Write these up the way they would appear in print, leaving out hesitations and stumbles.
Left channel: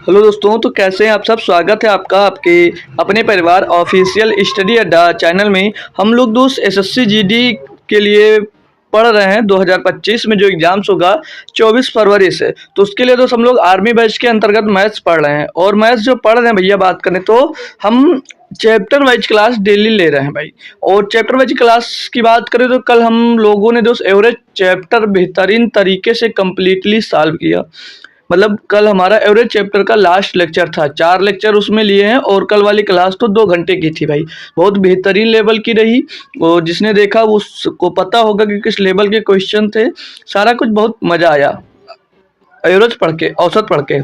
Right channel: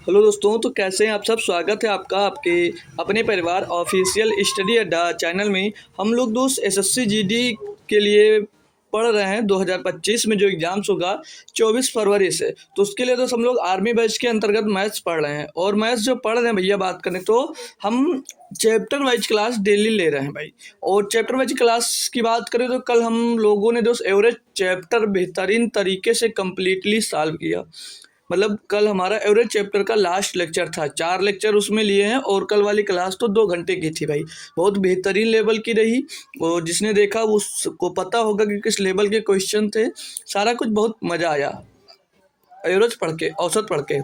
Hello दोस्तों, तो कैसे हैं आप सब। स्वागत है आपका आपके अपने परिवार ऑफिशियल स्टडी अड्डा चैनल में। हम लोग दोस्त एसएससी जीडी के लिए पढ़ रहे हैं 2025 में जो एग्जाम्स होगा 24 फरवरी से। तो उसके लिए दोस्त हम लोग आर्मी बैच के अंतर्गत मैथ्स पढ़ रहे हैं। और मैथ्स जो पढ़ रहे हैं भैया, बात करें तो हम चैप्टर वाइज क्लास डेली ले रहे हैं भाई। और चैप्टर वाइज क्लास की बात करें तो कल हम लोगों ने दोस्त एवरेज चैप्टर बेहतरीन तरीके से कंप्लीटली सॉल्व किया। मतलब कल हमारा एवरेज चैप्टर का लास्ट लेक्चर था, 4 लेक्चर उसमें लिए हैं और कल वाली क्लास तो 2 घंटे की थी भाई। बहुत बेहतरीन लेवल की रही और जिसने देखा उसको पता होगा कि किस लेवल के क्वेश्चन थे। सारा कुछ बहुत मज़ा आया एवरेज पढ़ के, औसत पढ़ के।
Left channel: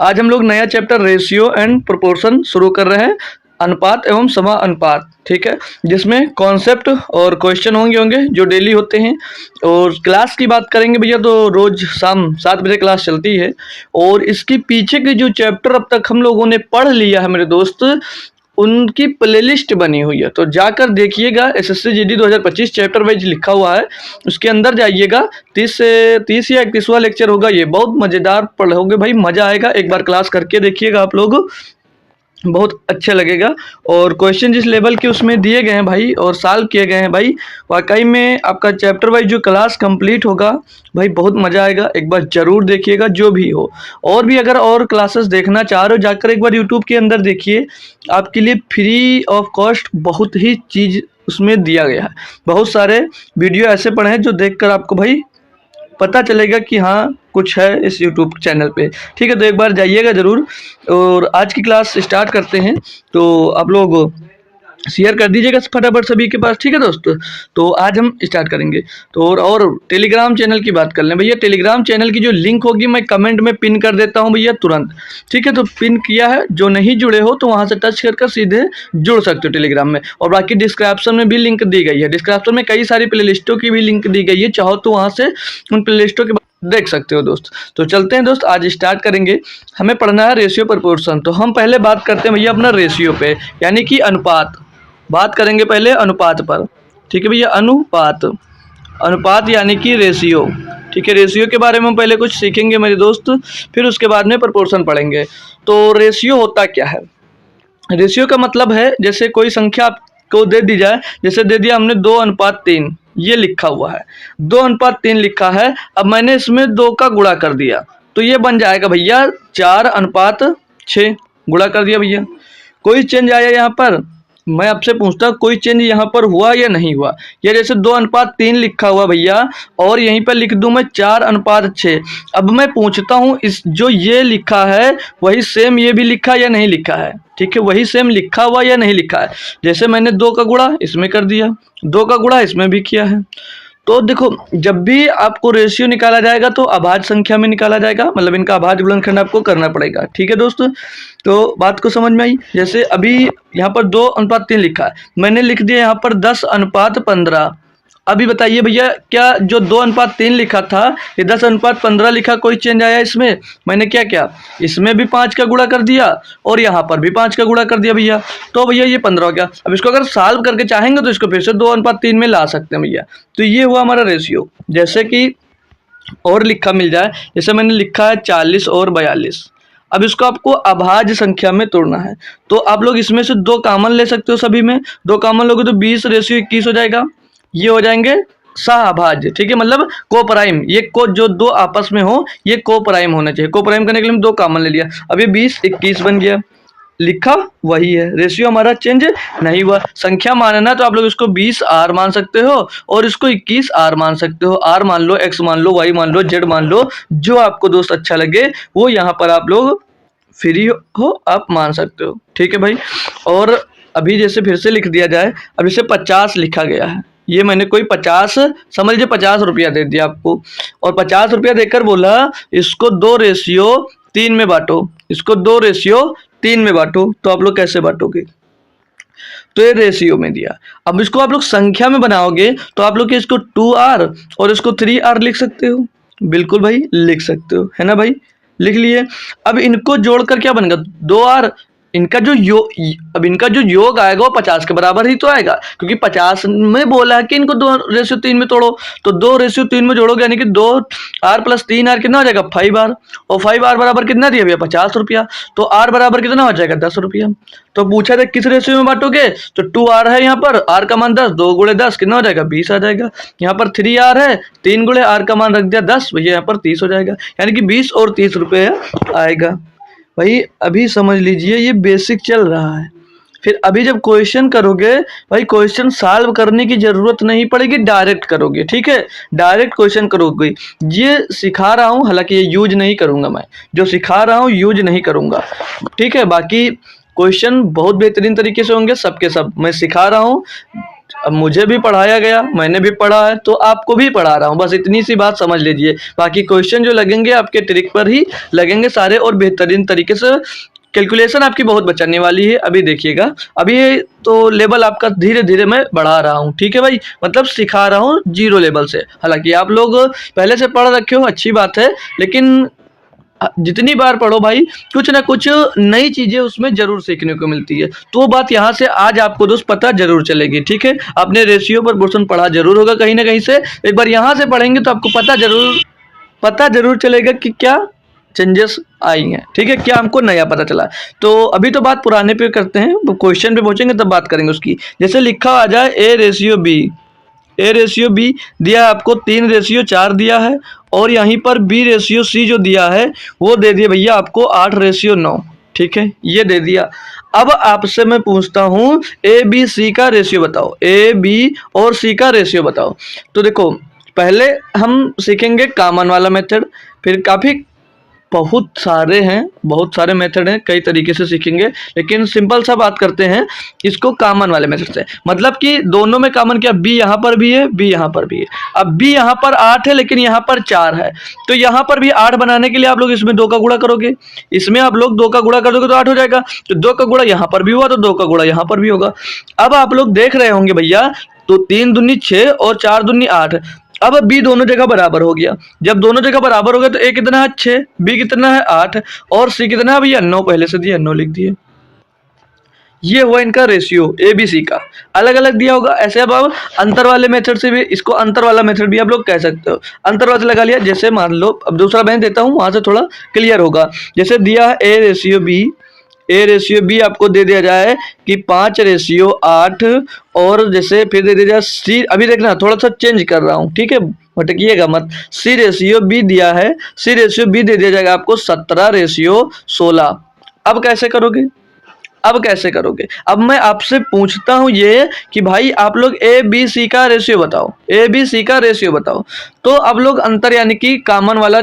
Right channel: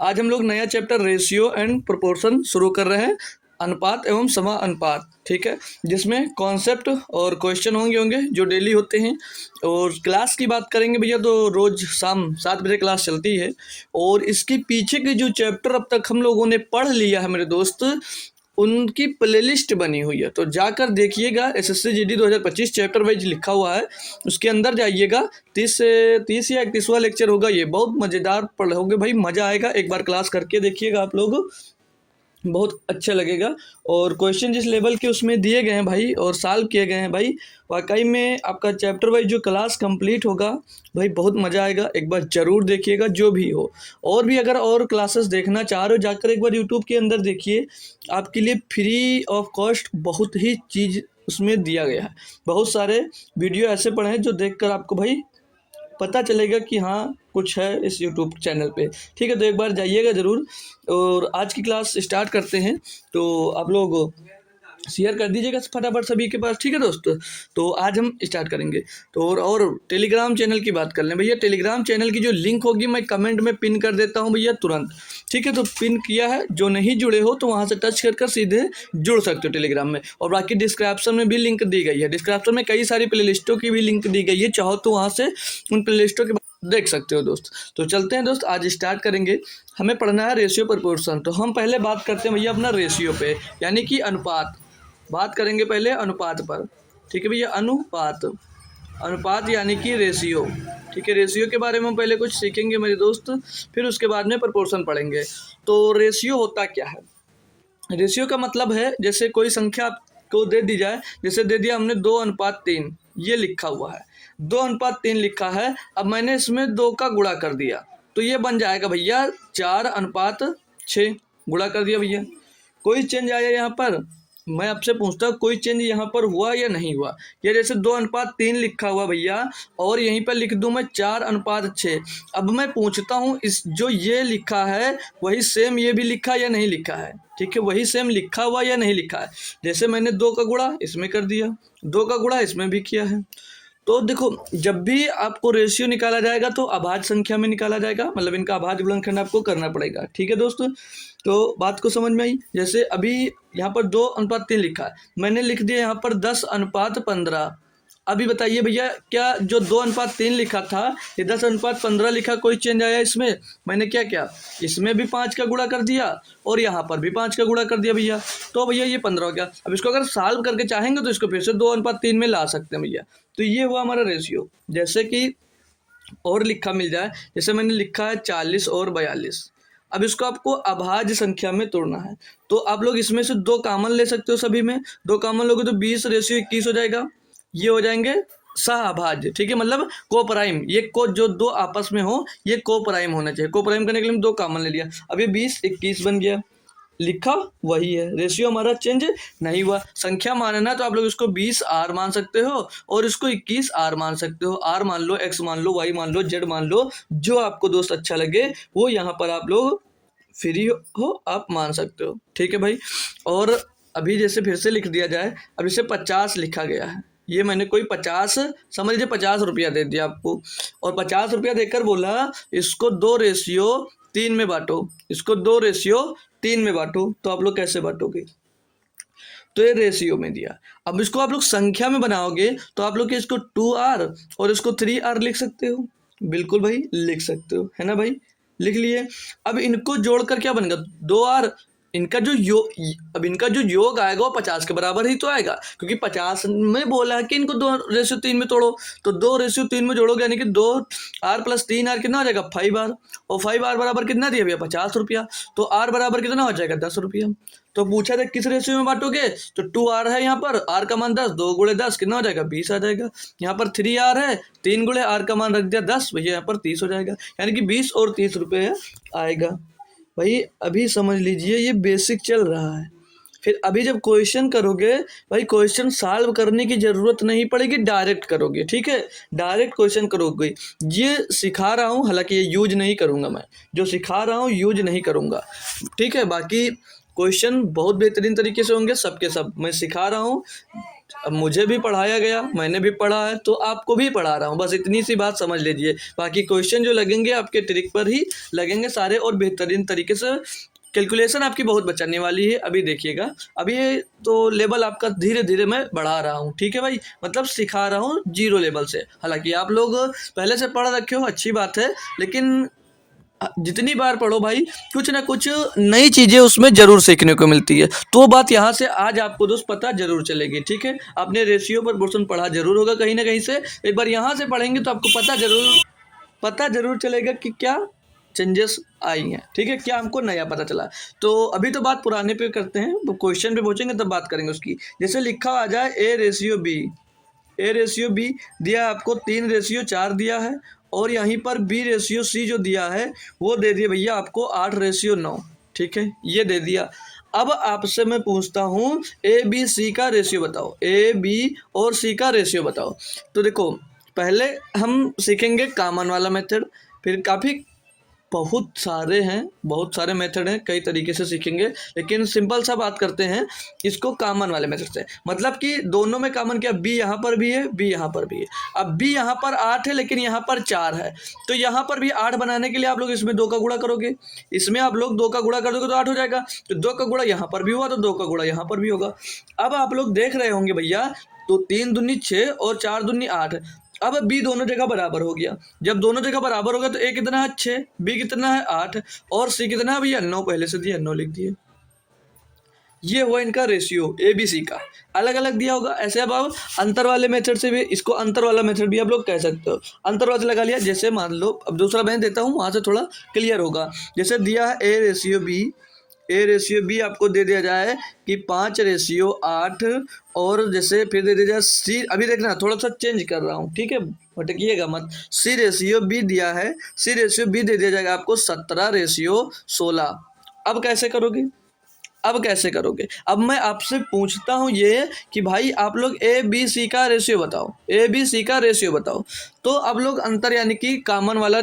आज हम लोग नया चैप्टर रेशियो एंड प्रोपोर्शन शुरू कर रहे हैं, अनुपात एवं समानुपात, ठीक है। जिसमें कॉन्सेप्ट और क्वेश्चन होंगे होंगे जो डेली होते हैं। और क्लास की बात करेंगे भैया तो रोज शाम 7 बजे क्लास चलती है। और इसके पीछे के जो चैप्टर अब तक हम लोगों ने पढ़ लिया है मेरे दोस्त, उनकी प्लेलिस्ट बनी हुई है, तो जाकर देखिएगा। एसएससी जीडी 2025 चैप्टर वाइज लिखा हुआ है, उसके अंदर जाइएगा। 30 या 31वां लेक्चर होगा, ये बहुत मज़ेदार पढ़ोगे भाई, मज़ा आएगा। एक बार क्लास करके देखिएगा आप लोग, बहुत अच्छा लगेगा। और क्वेश्चन जिस लेवल के उसमें दिए गए हैं भाई और सॉल्व किए गए हैं भाई, वाकई में आपका चैप्टर वाइज जो क्लास कंप्लीट होगा भाई, बहुत मज़ा आएगा। एक बार ज़रूर देखिएगा जो भी हो। और भी अगर और क्लासेस देखना चाह रहे हो, जाकर एक बार यूट्यूब के अंदर देखिए, आपके लिए फ्री ऑफ कॉस्ट बहुत ही चीज़ उसमें दिया गया है। बहुत सारे वीडियो ऐसे पड़े हैं जो देखकर आपको भाई पता चलेगा कि हाँ कुछ है इस यूट्यूब चैनल पे, ठीक है। तो एक बार जाइएगा ज़रूर। और आज की क्लास स्टार्ट करते हैं, तो आप लोग शेयर कर दीजिएगा फटाफट सभी के पास, ठीक है दोस्त। तो आज हम स्टार्ट करेंगे। तो और टेलीग्राम चैनल की बात कर लें भैया। टेलीग्राम चैनल की जो लिंक होगी मैं कमेंट में पिन कर देता हूं भैया तुरंत, ठीक है। तो पिन किया है, जो नहीं जुड़े हो तो वहां से टच कर सीधे जुड़ सकते हो टेलीग्राम में। और बाकी डिस्क्रिप्शन में भी लिंक दी गई है, डिस्क्रिप्शन में कई सारी प्ले लिस्टों की भी लिंक दी गई है, चाहो तो वहाँ से उन प्ले लिस्टों के देख सकते हो दोस्त। तो चलते हैं दोस्त, आज स्टार्ट करेंगे। हमें पढ़ना है रेशियो प्रपोर्शन। तो हम पहले बात करते हैं भैया अपना रेशियो पे, यानी कि अनुपात। बात करेंगे पहले अनुपात पर, ठीक है भैया। अनुपात, अनुपात यानी कि रेशियो, ठीक है। रेशियो के बारे में हम पहले कुछ सीखेंगे मेरे दोस्त, फिर उसके बाद में प्रोपोर्शन पढ़ेंगे। तो रेशियो होता क्या है। रेशियो का मतलब है जैसे कोई संख्या आपको दे दी जाए, जैसे दे दिया हमने 2:3, ये लिखा हुआ है 2:3 लिखा है। अब मैंने इसमें 2 का गुणा कर दिया तो ये बन जाएगा भैया 4:6, गुणा कर दिया भैया। कोई चेंज आया यहाँ पर, मैं आपसे पूछता हूँ कोई चेंज यहाँ पर हुआ या नहीं हुआ। या जैसे 2:3 लिखा हुआ भैया और यहीं पर लिख दूं मैं 4:6। अब मैं पूछता हूँ इस जो ये लिखा है वही सेम ये भी लिखा या नहीं लिखा है, ठीक है। वही सेम लिखा हुआ या नहीं लिखा है। जैसे मैंने 2 का गुणा इसमें कर दिया, 2 का गुणा इसमें भी किया है। तो देखो, जब भी आपको रेशियो निकाला जाएगा तो अभाज्य संख्या में निकाला जाएगा, मतलब इनका अभाज्य गुणनखंड आपको करना पड़ेगा, ठीक है दोस्तों। तो बात को समझ में आई। जैसे अभी यहाँ पर 2:3 लिखा है, मैंने लिख दिया यहाँ पर 10:15। अभी बताइए भैया, क्या जो 2:3 लिखा था ये 10:15 लिखा, कोई चेंज आया इसमें। मैंने क्या किया, इसमें भी 5 का गुणा कर दिया और यहाँ पर भी 5 का गुणा कर दिया भैया। तो भैया ये 15 हो गया। अब इसको अगर सॉल्व करके चाहेंगे तो इसको फिर से 2:3 में ला सकते हैं भैया। तो ये हुआ हमारा रेशियो। जैसे कि और लिखा मिल जाए, जैसे मैंने लिखा है 40 और 42। अब इसको आपको अभाज्य संख्या में तोड़ना है, तो आप लोग इसमें से 2 कॉमन ले सकते हो। सभी में 2 कॉमन लोगे तो 20:21 हो जाएगा। ये हो जाएंगे सह-अभाज्य, ठीक है। मतलब को प्राइम, ये को जो 2 आपस में हो ये को प्राइम होना चाहिए। को प्राइम करने के लिए हम 2 कॉमन ले लिया, अब ये 20:21 बन गया। लिखा वही है, रेशियो हमारा चेंज नहीं हुआ। संख्या मानना तो आप लोग इसको 20R मान सकते हो और इसको 21R मान सकते हो। R मान लो, X मान लो, Y मान लो, Z मान लो, जो आपको दोस्त अच्छा लगे वो यहाँ पर आप लोग फ्री हो आप मान सकते हो, ठीक है भाई। और अभी जैसे फिर से लिख दिया जाए, अब इसे 50 लिखा गया है। ये मैंने कोई 50 समझ लीजिए 50 रुपया दे दिया आपको, और 50 रुपया देकर बोला इसको 2:3 में बांटो, इसको 2:3 में बांटो। तो आप लोग कैसे बांटोगे, तो ये रेशियो में दिया। अब इसको आप लोग संख्या में बनाओगे तो आप लोग इसको 2R और इसको 3R लिख सकते हो। बिल्कुल भाई लिख सकते हो, है ना भाई, लिख लिए। अब इनको जोड़कर क्या बनेगा, 2R इनका जो अब इनका जो योग आएगा वो 50 के बराबर ही तो आएगा, क्योंकि 50 में बोला है कि इनको 2:3 में तोड़ो। तो 2:3 में जोड़ोगे यानी कि 2r+3r कितना हो जाएगा 5r, और 5r बराबर कितना दिया भैया 50 रुपया। तो r बराबर कितना हो जाएगा 10 रुपया। तो पूछा था किस रेशियो में बांटोगे, तो 2r है यहाँ पर, r का मान 10, 2 × 10 कितना हो जाएगा 20 आ जाएगा। यहाँ पर 3r है, 3 × r का मान रख दिया 10, भैया यहाँ पर 30 हो जाएगा, यानी कि 20 और 30 रुपये आएगा। भाई अभी समझ लीजिए ये बेसिक चल रहा है। फिर अभी जब क्वेश्चन करोगे भाई, क्वेश्चन सॉल्व करने की ज़रूरत नहीं पड़ेगी, डायरेक्ट करोगे, ठीक है, डायरेक्ट क्वेश्चन करोगे। ये सिखा रहा हूँ, हालांकि ये यूज नहीं करूँगा, मैं जो सिखा रहा हूँ यूज नहीं करूँगा, ठीक है। बाकी क्वेश्चन बहुत बेहतरीन तरीके से होंगे, सबके सब मैं सिखा रहा हूँ। अब मुझे भी पढ़ाया गया, मैंने भी पढ़ा है, तो आपको भी पढ़ा रहा हूँ, बस इतनी सी बात समझ लीजिए। बाकी क्वेश्चन जो लगेंगे आपके ट्रिक पर ही लगेंगे सारे, और बेहतरीन तरीके से कैलकुलेशन आपकी बहुत बचाने वाली है। अभी देखिएगा, अभी तो लेवल आपका धीरे धीरे मैं बढ़ा रहा हूँ, ठीक है भाई, मतलब सिखा रहा हूँ 0 लेवल से। हालांकि आप लोग पहले से पढ़ रखे हो, अच्छी बात है, लेकिन जितनी बार पढ़ो भाई कुछ ना कुछ नई चीज़ें उसमें ज़रूर सीखने को मिलती है। तो बात यहाँ से आज आपको दोस्त पता ज़रूर चलेगी, ठीक है। आपने रेशियो पर पोर्शन पढ़ा ज़रूर होगा कहीं ना कहीं से, एक बार यहाँ से पढ़ेंगे तो आपको पता ज़रूर चलेगा कि क्या चेंजेस आई हैं, ठीक है, क्या हमको नया पता चला। तो अभी तो बात पुराने पे करते हैं, क्वेश्चन पे पहुँचेंगे तब बात करेंगे उसकी। जैसे लिखा आ जाए ए रेशियो बी दिया है आपको, 3:4 दिया है, और यहीं पर B/C जो दिया है वो दे दिया भैया आपको 8:9, ठीक है, ये दे दिया। अब आपसे मैं पूछता हूँ ABC का रेशियो बताओ, AB और C का रेशियो बताओ। तो देखो पहले हम सीखेंगे कॉमन वाला मेथड, फिर बहुत सारे मेथड हैं, कई तरीके से सीखेंगे, लेकिन सिंपल सा बात करते हैं इसको कॉमन वाले मेथड से। मतलब कि दोनों में कॉमन क्या, B यहाँ पर भी है, B यहाँ पर भी है। अब B यहाँ पर 8 है लेकिन यहाँ पर 4 है, तो यहाँ पर भी 8 बनाने के लिए आप लोग इसमें 2 का गुणा करोगे, इसमें आप लोग 2 का गुणा कर दोगे तो 8 हो जाएगा। तो 2 का गुणा यहाँ पर भी हुआ तो 2 का गुणा यहाँ पर भी होगा। अब आप लोग देख रहे होंगे भैया, तो 3 दूनी 6 और 4 दूनी 8। अब B दोनों जगह बराबर हो गया। जब दोनों जगह बराबर हो गया तो A कितना है 6, B कितना है 8, और C कितना है भैया 9, पहले से दिया 9 लिख दिए। ये हुआ इनका रेशियो ABC का, अलग अलग दिया होगा। ऐसे अब आप अंतर वाले मेथड से भी, इसको अंतर वाला मेथड भी आप लोग कह सकते हो, अंतर वाला लगा लिया। जैसे मान लो अब दूसरा बयान देता हूँ, वहां से थोड़ा क्लियर होगा। जैसे दिया है A रेशियो B आपको दे दिया जाए कि 5:8, और जैसे फिर दे दिया जाए C, अभी देखना थोड़ा सा चेंज कर रहा हूँ, ठीक है, भटकिएगा मत। C/B दिया है, C/B दे दिया जाएगा आपको 17:16। अब कैसे करोगे, अब मैं आपसे पूछता हूँ ये कि भाई आप लोग ABC का रेशियो बताओ। तो अब लोग अंतर यानी कि कॉमन वाला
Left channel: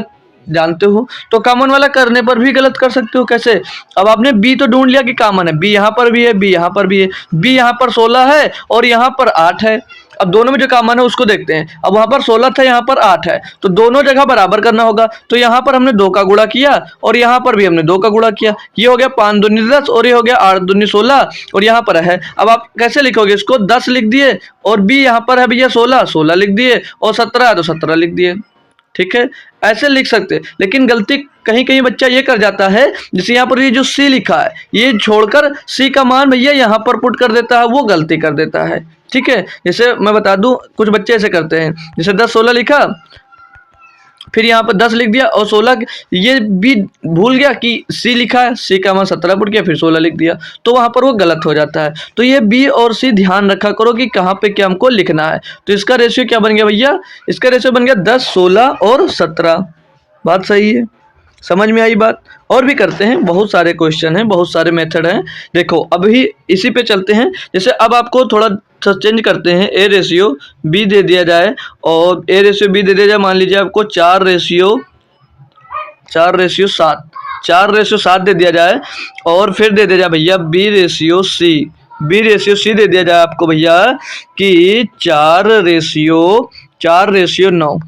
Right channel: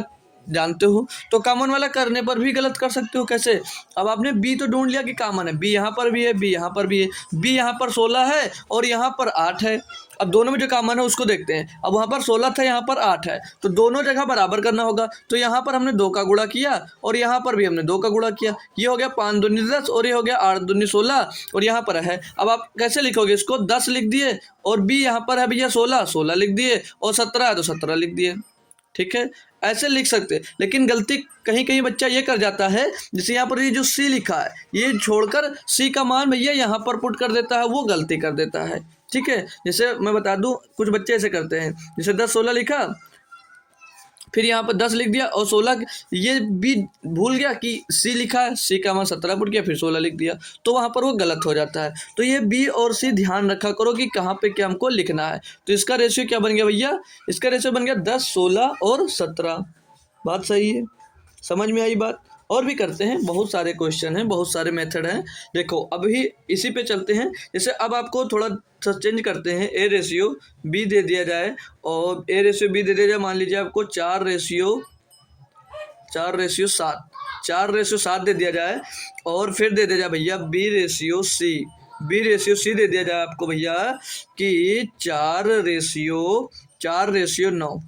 जानते हो, तो कॉमन वाला करने पर भी गलत कर सकते हो। कैसे, अब आपने B तो ढूंढ लिया कि कॉमन है, B यहाँ पर भी है, B यहाँ पर भी है, B यहाँ पर 16 है और यहाँ पर 8 है। अब दोनों में जो कॉमन है उसको देखते हैं। अब वहाँ पर 16 था, यहाँ पर 8 है, तो दोनों जगह बराबर करना होगा। तो यहाँ पर हमने 2 का गुणा किया और यहाँ पर भी हमने 2 का गुणा किया। ये हो गया 5 दूनी 10 और ये हो गया 8 दूनी 16, और यहाँ पर है। अब आप कैसे लिखोगे इसको, 10 लिख दिए, और B यहाँ पर है भैया 16 लिख दिए, और 17 है तो 17 लिख दिए, ठीक है, ऐसे लिख सकते। लेकिन गलती कहीं बच्चा ये कर जाता है, जैसे यहाँ पर ये जो C लिखा है ये छोड़कर C का मान भैया यहाँ पर पुट कर देता है, वो गलती कर देता है, ठीक है। जैसे मैं बता दूं, कुछ बच्चे ऐसे करते हैं, जैसे 10-16 लिखा, फिर यहाँ पर 10 लिख दिया और 16, ये भी भूल गया कि C लिखा है, C का मान 17 पुट किया, फिर 16 लिख दिया, तो वहाँ पर वो गलत हो जाता है। तो ये B और C ध्यान रखा करो कि कहाँ पे क्या हमको लिखना है। तो इसका रेशियो क्या बन गया भैया, इसका रेशियो बन गया 10, 16 और 17। बात सही है, समझ में आई बात। और भी करते हैं, बहुत सारे क्वेश्चन हैं, बहुत सारे मेथड हैं। देखो अभी इसी पे चलते हैं। जैसे अब आपको थोड़ा सा चेंज करते हैं, A रेशियो B दे दिया जाए, और A रेशियो B दे दिया जाए, मान लीजिए आपको 4:7 दे दिया जाए, और फिर दे दिया जाए भैया B रेशियो C दे दिया जाए आपको भैया कि 4:9,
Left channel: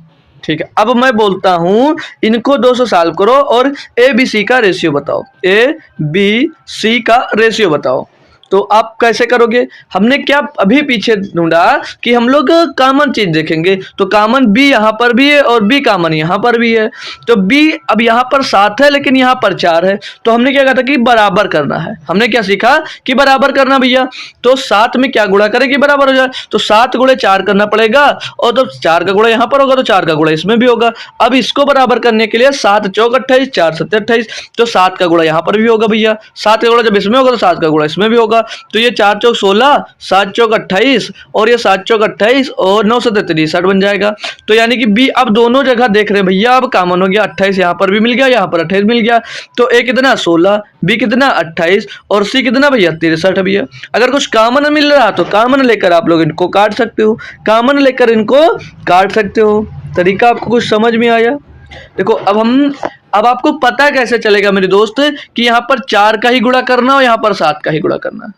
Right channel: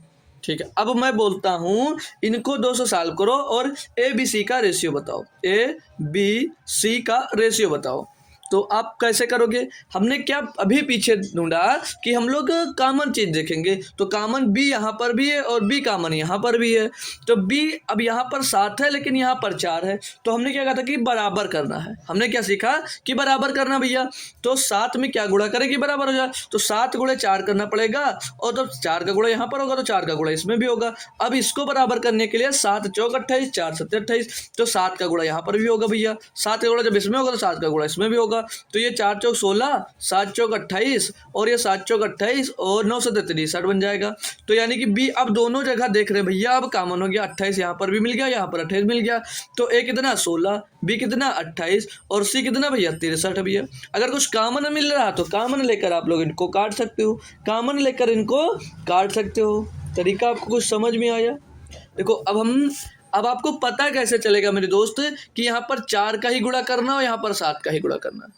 ठीक है। अब मैं बोलता हूँ इनको 200 सॉल्व करो और ABC का रेशियो बताओ, ABC का रेशियो बताओ। तो आप कैसे करोगे? हमने क्या अभी पीछे ढूंढा कि हम लोग कॉमन चीज देखेंगे, तो कॉमन b यहाँ पर भी है और b कॉमन यहाँ पर भी है। तो b अब यहाँ पर 7 है लेकिन यहाँ पर 4 है, तो हमने क्या कहा था कि बराबर करना है। हमने क्या सीखा कि बराबर करना भैया। तो 7 में क्या गुणा करें कि बराबर हो जाए, तो 7 गुणे 4 करना पड़ेगा, और तो 4 का गुणा यहाँ पर होगा तो 4 का गुणा इसमें भी होगा। अब इसको बराबर करने के लिए 7 चौक 28, 4 7 28, तो 7 का गुणा यहाँ पर भी होगा भैया। 7 का गुणा जब इसमें होगा तो 7 का गुणा इसमें भी होगा। तो ये 4 चौक 16, 7 चौक 28, और ये 7 चौक 28 और 9 7 63 बन जाएगा। तो यानी कि बी अब दोनों जगह देख रहे हैं भैया, अब कॉमन हो गया। 28 यहाँ पर भी मिल गया, यहाँ पर 28 मिल गया। तो ए कितना 16, बी कितना 28, और सी कितना भैया 63 भैया। अगर कुछ कॉमन मिल रहा तो कॉमन लेकर आप लोग इनको काट सकते हो, कॉमन लेकर इनको काट सकते हो। तरीका आपको कुछ समझ में आया? देखो अब आपको पता कैसे चलेगा मेरे दोस्त कि यहाँ पर 4 का ही गुणा करना और यहाँ पर 7 का ही गुणा करना?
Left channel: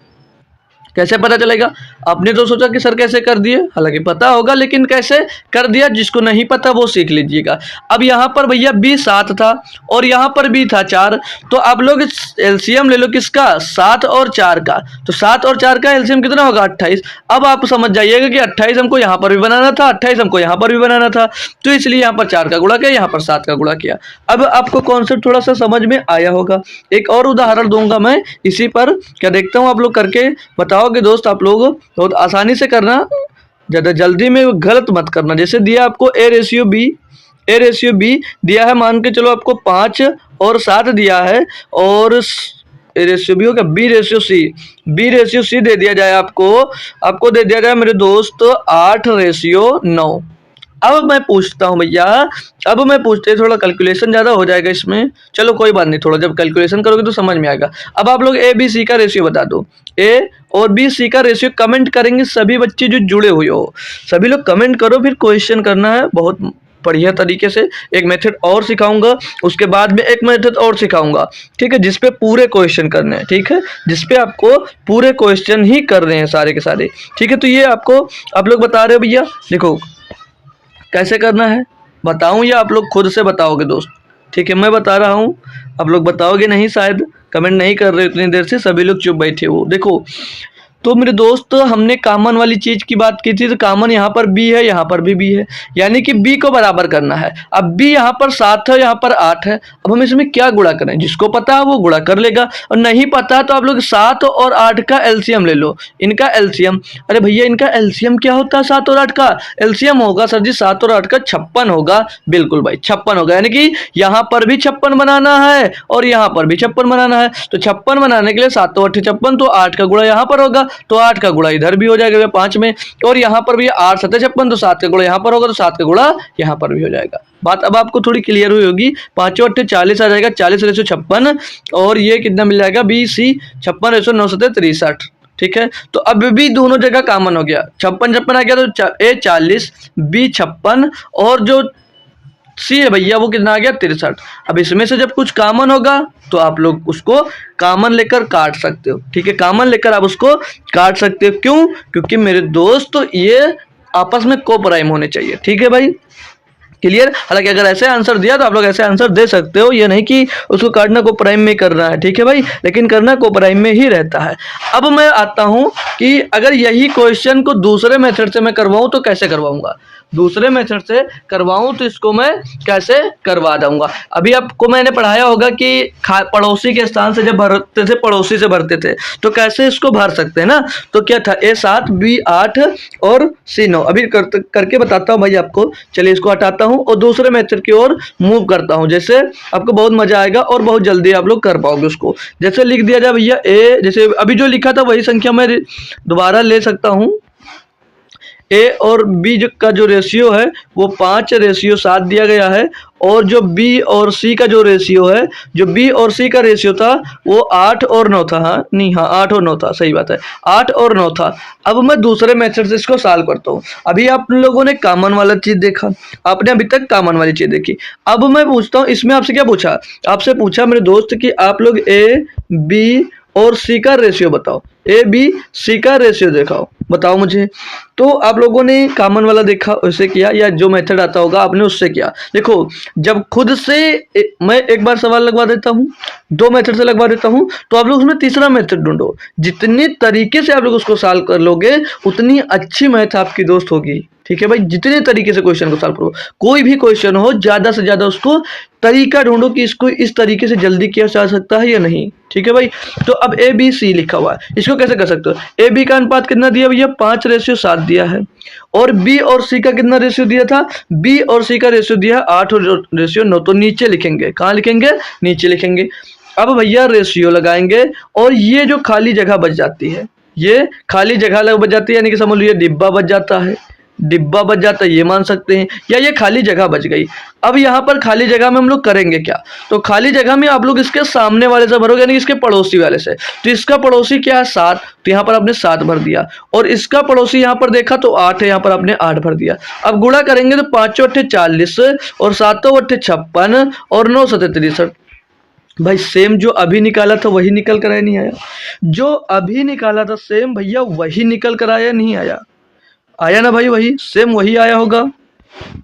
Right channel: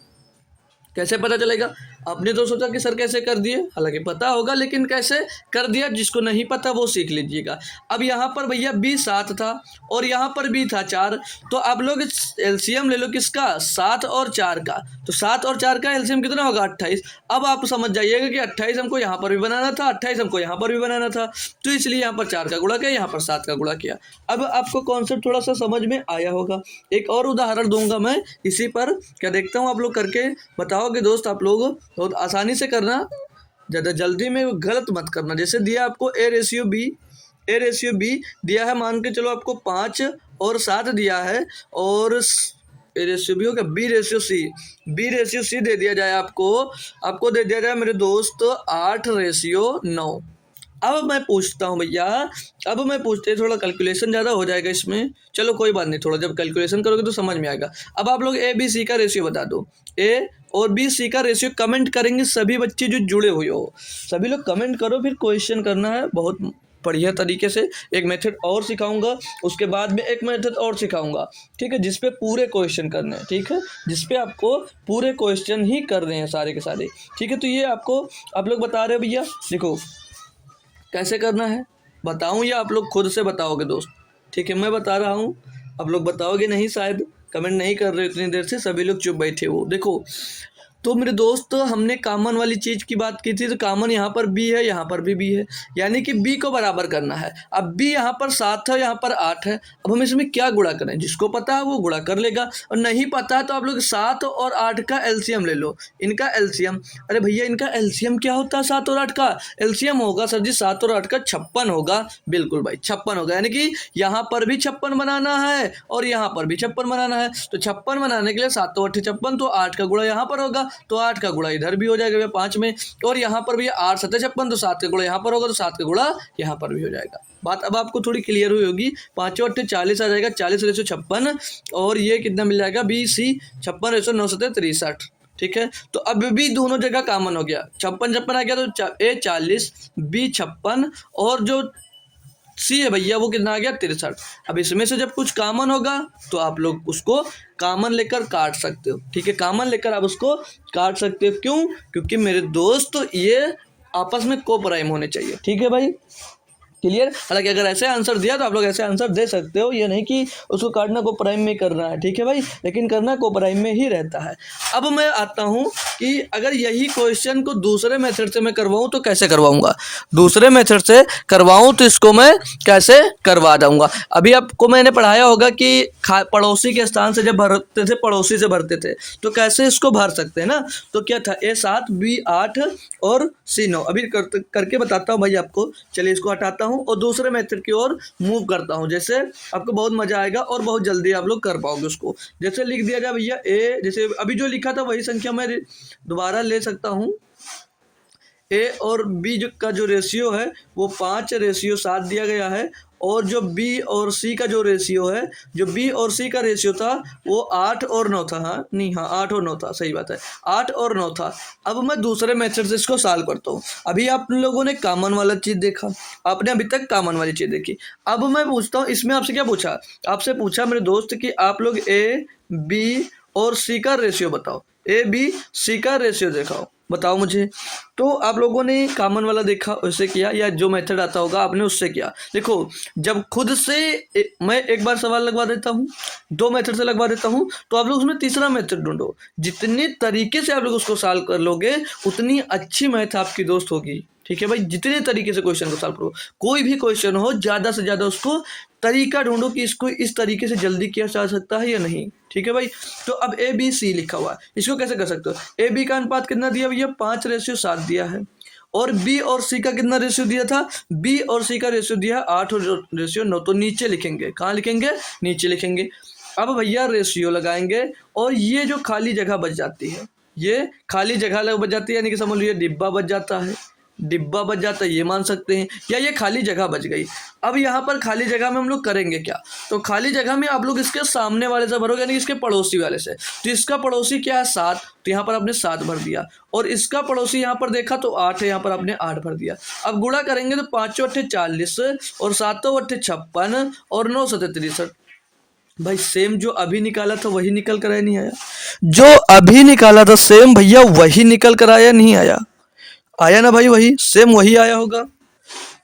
कैसे पता चलेगा? आपने तो सोचा कि सर कैसे कर दिए, हालांकि पता होगा लेकिन कैसे कर दिया, जिसको नहीं पता वो सीख लीजिएगा। अब यहाँ पर भैया b 7 था और यहाँ पर b था 4, तो आप लोग एलसीएम ले लो किसका, 7 और 4 का। तो 7 और 4 का एलसीएम कितना होगा 28। अब आप समझ जाइएगा कि 28 हमको यहाँ पर भी बनाना था, 28 हमको यहाँ पर भी बनाना था, तो इसलिए यहाँ पर 4 का गुणा किया, यहाँ पर 7 का गुणा किया। अब आपको कॉन्सेप्ट थोड़ा सा समझ में आया होगा। एक और उदाहरण दूंगा मैं इसी पर, क्या देखता हूँ आप लोग करके बताओगे दोस्त। आप लोग बहुत आसानी से करना, ज़्यादा जल्दी में गलत मत करना। जैसे दिया आपको ए रेशियो बी दिया है, मान के चलो आपको 5 और 7 दिया है, और ए रेशियो बी होगा बी रेशियो सी दे दिया जाए आपको दे दिया जाए मेरे दोस्त 8:9। अब मैं पूछता हूँ भैया, थोड़ा कैलकुलेशन ज़्यादा हो जाएगा इसमें, चलो कोई बात नहीं, थोड़ा जब कैलकुलेशन करोगे तो समझ में आएगा। अब आप लोग ए बी सी का रेशियो बता दो, ए और बी सी का रेशियो कमेंट करेंगे सभी बच्चे जो जुड़े हुए हो, सभी लोग कमेंट करो, फिर क्वेश्चन करना है बहुत बढ़िया तरीके से। एक मेथड और सिखाऊंगा, उसके बाद में एक मेथड और सिखाऊंगा, ठीक है, जिसपे पूरे क्वेश्चन करने हैं, ठीक है, जिसपे आपको पूरे क्वेश्चन ही कर रहे हैं सारे के सारे, ठीक है। तो ये आपको आप लोग बता रहे हो भैया, देखो कैसे करना है बताऊं या आप लोग खुद से बताओगे दोस्त? ठीक है, मैं बता रहा हूं, आप लोग बताओगे नहीं, शायद कमेंट नहीं कर रहे इतनी देर से, सभी लोग चुप बैठे हो। देखो तो मेरे दोस्त हमने कॉमन वाली चीज़ की बात की थी, तो कॉमन यहाँ पर b है, यहाँ पर भी b है, यानी कि b को बराबर करना है। अब b यहाँ पर 7 है, यहाँ पर 8 है, अब हम इसमें क्या गुणा करें? जिसको पता है वो गुणा कर लेगा, और नहीं पता है तो आप लोग 7 और 8 का एलसीएम ले लो, इनका एलसीएम। अरे भैया इनका एलसीएम क्या होता है? 7 और 8 का एलसीएम होगा सर जी 7 और 8 का 56 होगा। बिल्कुल भाई 56 होगा, यानी कि यहाँ पर भी 56 बनाना है और यहाँ पर भी 56 बनाना है। तो 56 बनाने के लिए 7 और 8 56, तो 8 का गुणा यहाँ पर होगा, तो 8 का गुणा इधर भी हो जाएगा 5 में, और यहाँ पर भी 8 7 56, तो 7 का गुणा यहाँ पर होगा, तो 7 का गुणा यहाँ पर भी हो जाएगा। बात अब आपको थोड़ी क्लियर हुई होगी। 5 और 8 40 आ जाएगा, 40:56, और ये कितना मिल जाएगा बी सी 56:9 63। ठीक है, तो अब भी दोनों जगह कॉमन हो गया, 56 आ गया, तो ए 40 बी 56 और जो सी है भैया वो कितना आ गया 63। अब इसमें से जब कुछ कॉमन होगा तो आप लोग उसको कॉमन लेकर काट सकते हो, ठीक है, कॉमन लेकर आप उसको काट सकते हो। क्यों? क्योंकि मेरे दोस्त ये आपस में को प्राइम होने चाहिए, ठीक है भाई, क्लियर। हालांकि अगर ऐसे आंसर दिया तो आप लोग ऐसे आंसर दे सकते हो, ये नहीं कि उसको काटना को प्राइम में करना है, ठीक है भाई, लेकिन करना को प्राइम में ही रहता है। अब मैं आता हूं कि अगर यही क्वेश्चन को दूसरे मेथड से मैं करवाऊं तो कैसे करवाऊंगा, दूसरे मेथड से करवाऊं तो इसको मैं कैसे करवा दूंगा। अभी आपको मैंने पढ़ाया होगा कि पड़ोसी के स्थान से जब भरते थे, पड़ोसी से भरते थे, तो कैसे इसको भर सकते हैं ना। तो क्या था A 7 B 8 और C 9। अभी करके बताता हूँ भाई आपको, चलिए इसको हटाता हूँ और दूसरे मेथड की ओर मूव करता हूं, जैसे आपको बहुत मजा आएगा और बहुत जल्दी आप लोग कर पाओगे उसको। जैसे लिख दिया जाए भैया ए, जैसे अभी जो लिखा था वही संख्या मैं दोबारा ले सकता हूं। ए और बी का जो रेशियो है वो 5:7 दिया गया है, और जो बी और सी का जो रेशियो है, जो बी और सी का रेशियो था वो 8 और 9 था। हाँ नहीं, हाँ 8 और 9 था, सही बात है, 8 और 9 था। अब मैं दूसरे मेथड से इसको सॉल्व करता हूँ। अभी आप लोगों ने कॉमन वाला चीज़ देखा, आपने अभी तक कॉमन वाली चीज़ देखी। अब मैं पूछता हूँ, इसमें आपसे क्या पूछा, आपसे पूछा मेरे दोस्त कि आप लोग ए बी और सी का रेशियो बताओ, ए बी सी का रेशियो दिखाओ, बताओ मुझे। तो आप लोगों ने कॉमन वाला देखा उससे किया, या जो मेथड आता होगा आपने उससे किया। देखो जब खुद से मैं एक बार सवाल लगवा देता हूँ, 2 मेथड से लगवा देता हूँ, तो आप लोग उसमें तीसरा मेथड ढूंढो। जितने तरीके से आप लोग उसको सॉल्व कर लोगे उतनी अच्छी मैथ आपकी दोस्त होगी। ठीक है भाई, जितने तरीके से क्वेश्चन को सॉल्व करो, कोई भी क्वेश्चन हो ज़्यादा से ज़्यादा उसको तरीका ढूंढो कि इसको इस तरीके से जल्दी किया जा सकता है या नहीं। ठीक है भाई, तो अब ए बी सी लिखा हुआ है, इसको कैसे कर सकते हो। ए बी का अनुपात कितना दिया भैया, 5:7 दिया है, और बी और सी का कितना रेशियो दिया था, बी और सी का रेशियो दिया है 8:9। तो नीचे लिखेंगे, कहाँ लिखेंगे, नीचे लिखेंगे। अब भैया रेशियो लगाएंगे और ये जो खाली जगह बच जाती है, ये खाली जगह बच जाती है, यानी कि समझ लो ये डिब्बा बच जाता है, डिब्बा बच जाता है, ये मान सकते हैं, या ये खाली जगह बच गई। अब यहाँ पर खाली जगह में हम लोग करेंगे क्या, तो खाली जगह में आप लोग इसके सामने वाले से भरोगे, यानी इसके पड़ोसी वाले से। तो इसका पड़ोसी क्या है, 7, तो यहाँ पर आपने 7 भर दिया, और इसका पड़ोसी यहाँ पर देखा तो 8 है, यहाँ पर आपने 8 भर दिया। अब गुणा करेंगे तो 5 8 40 और 7 8 56 और 9 7 63। भाई सेम जो अभी निकाला था वही निकल कर आया, नहीं आया, जो अभी निकाला था सेम भैया वही निकल कर आया, नहीं आया, आया ना भाई, वही सेम वही आया होगा।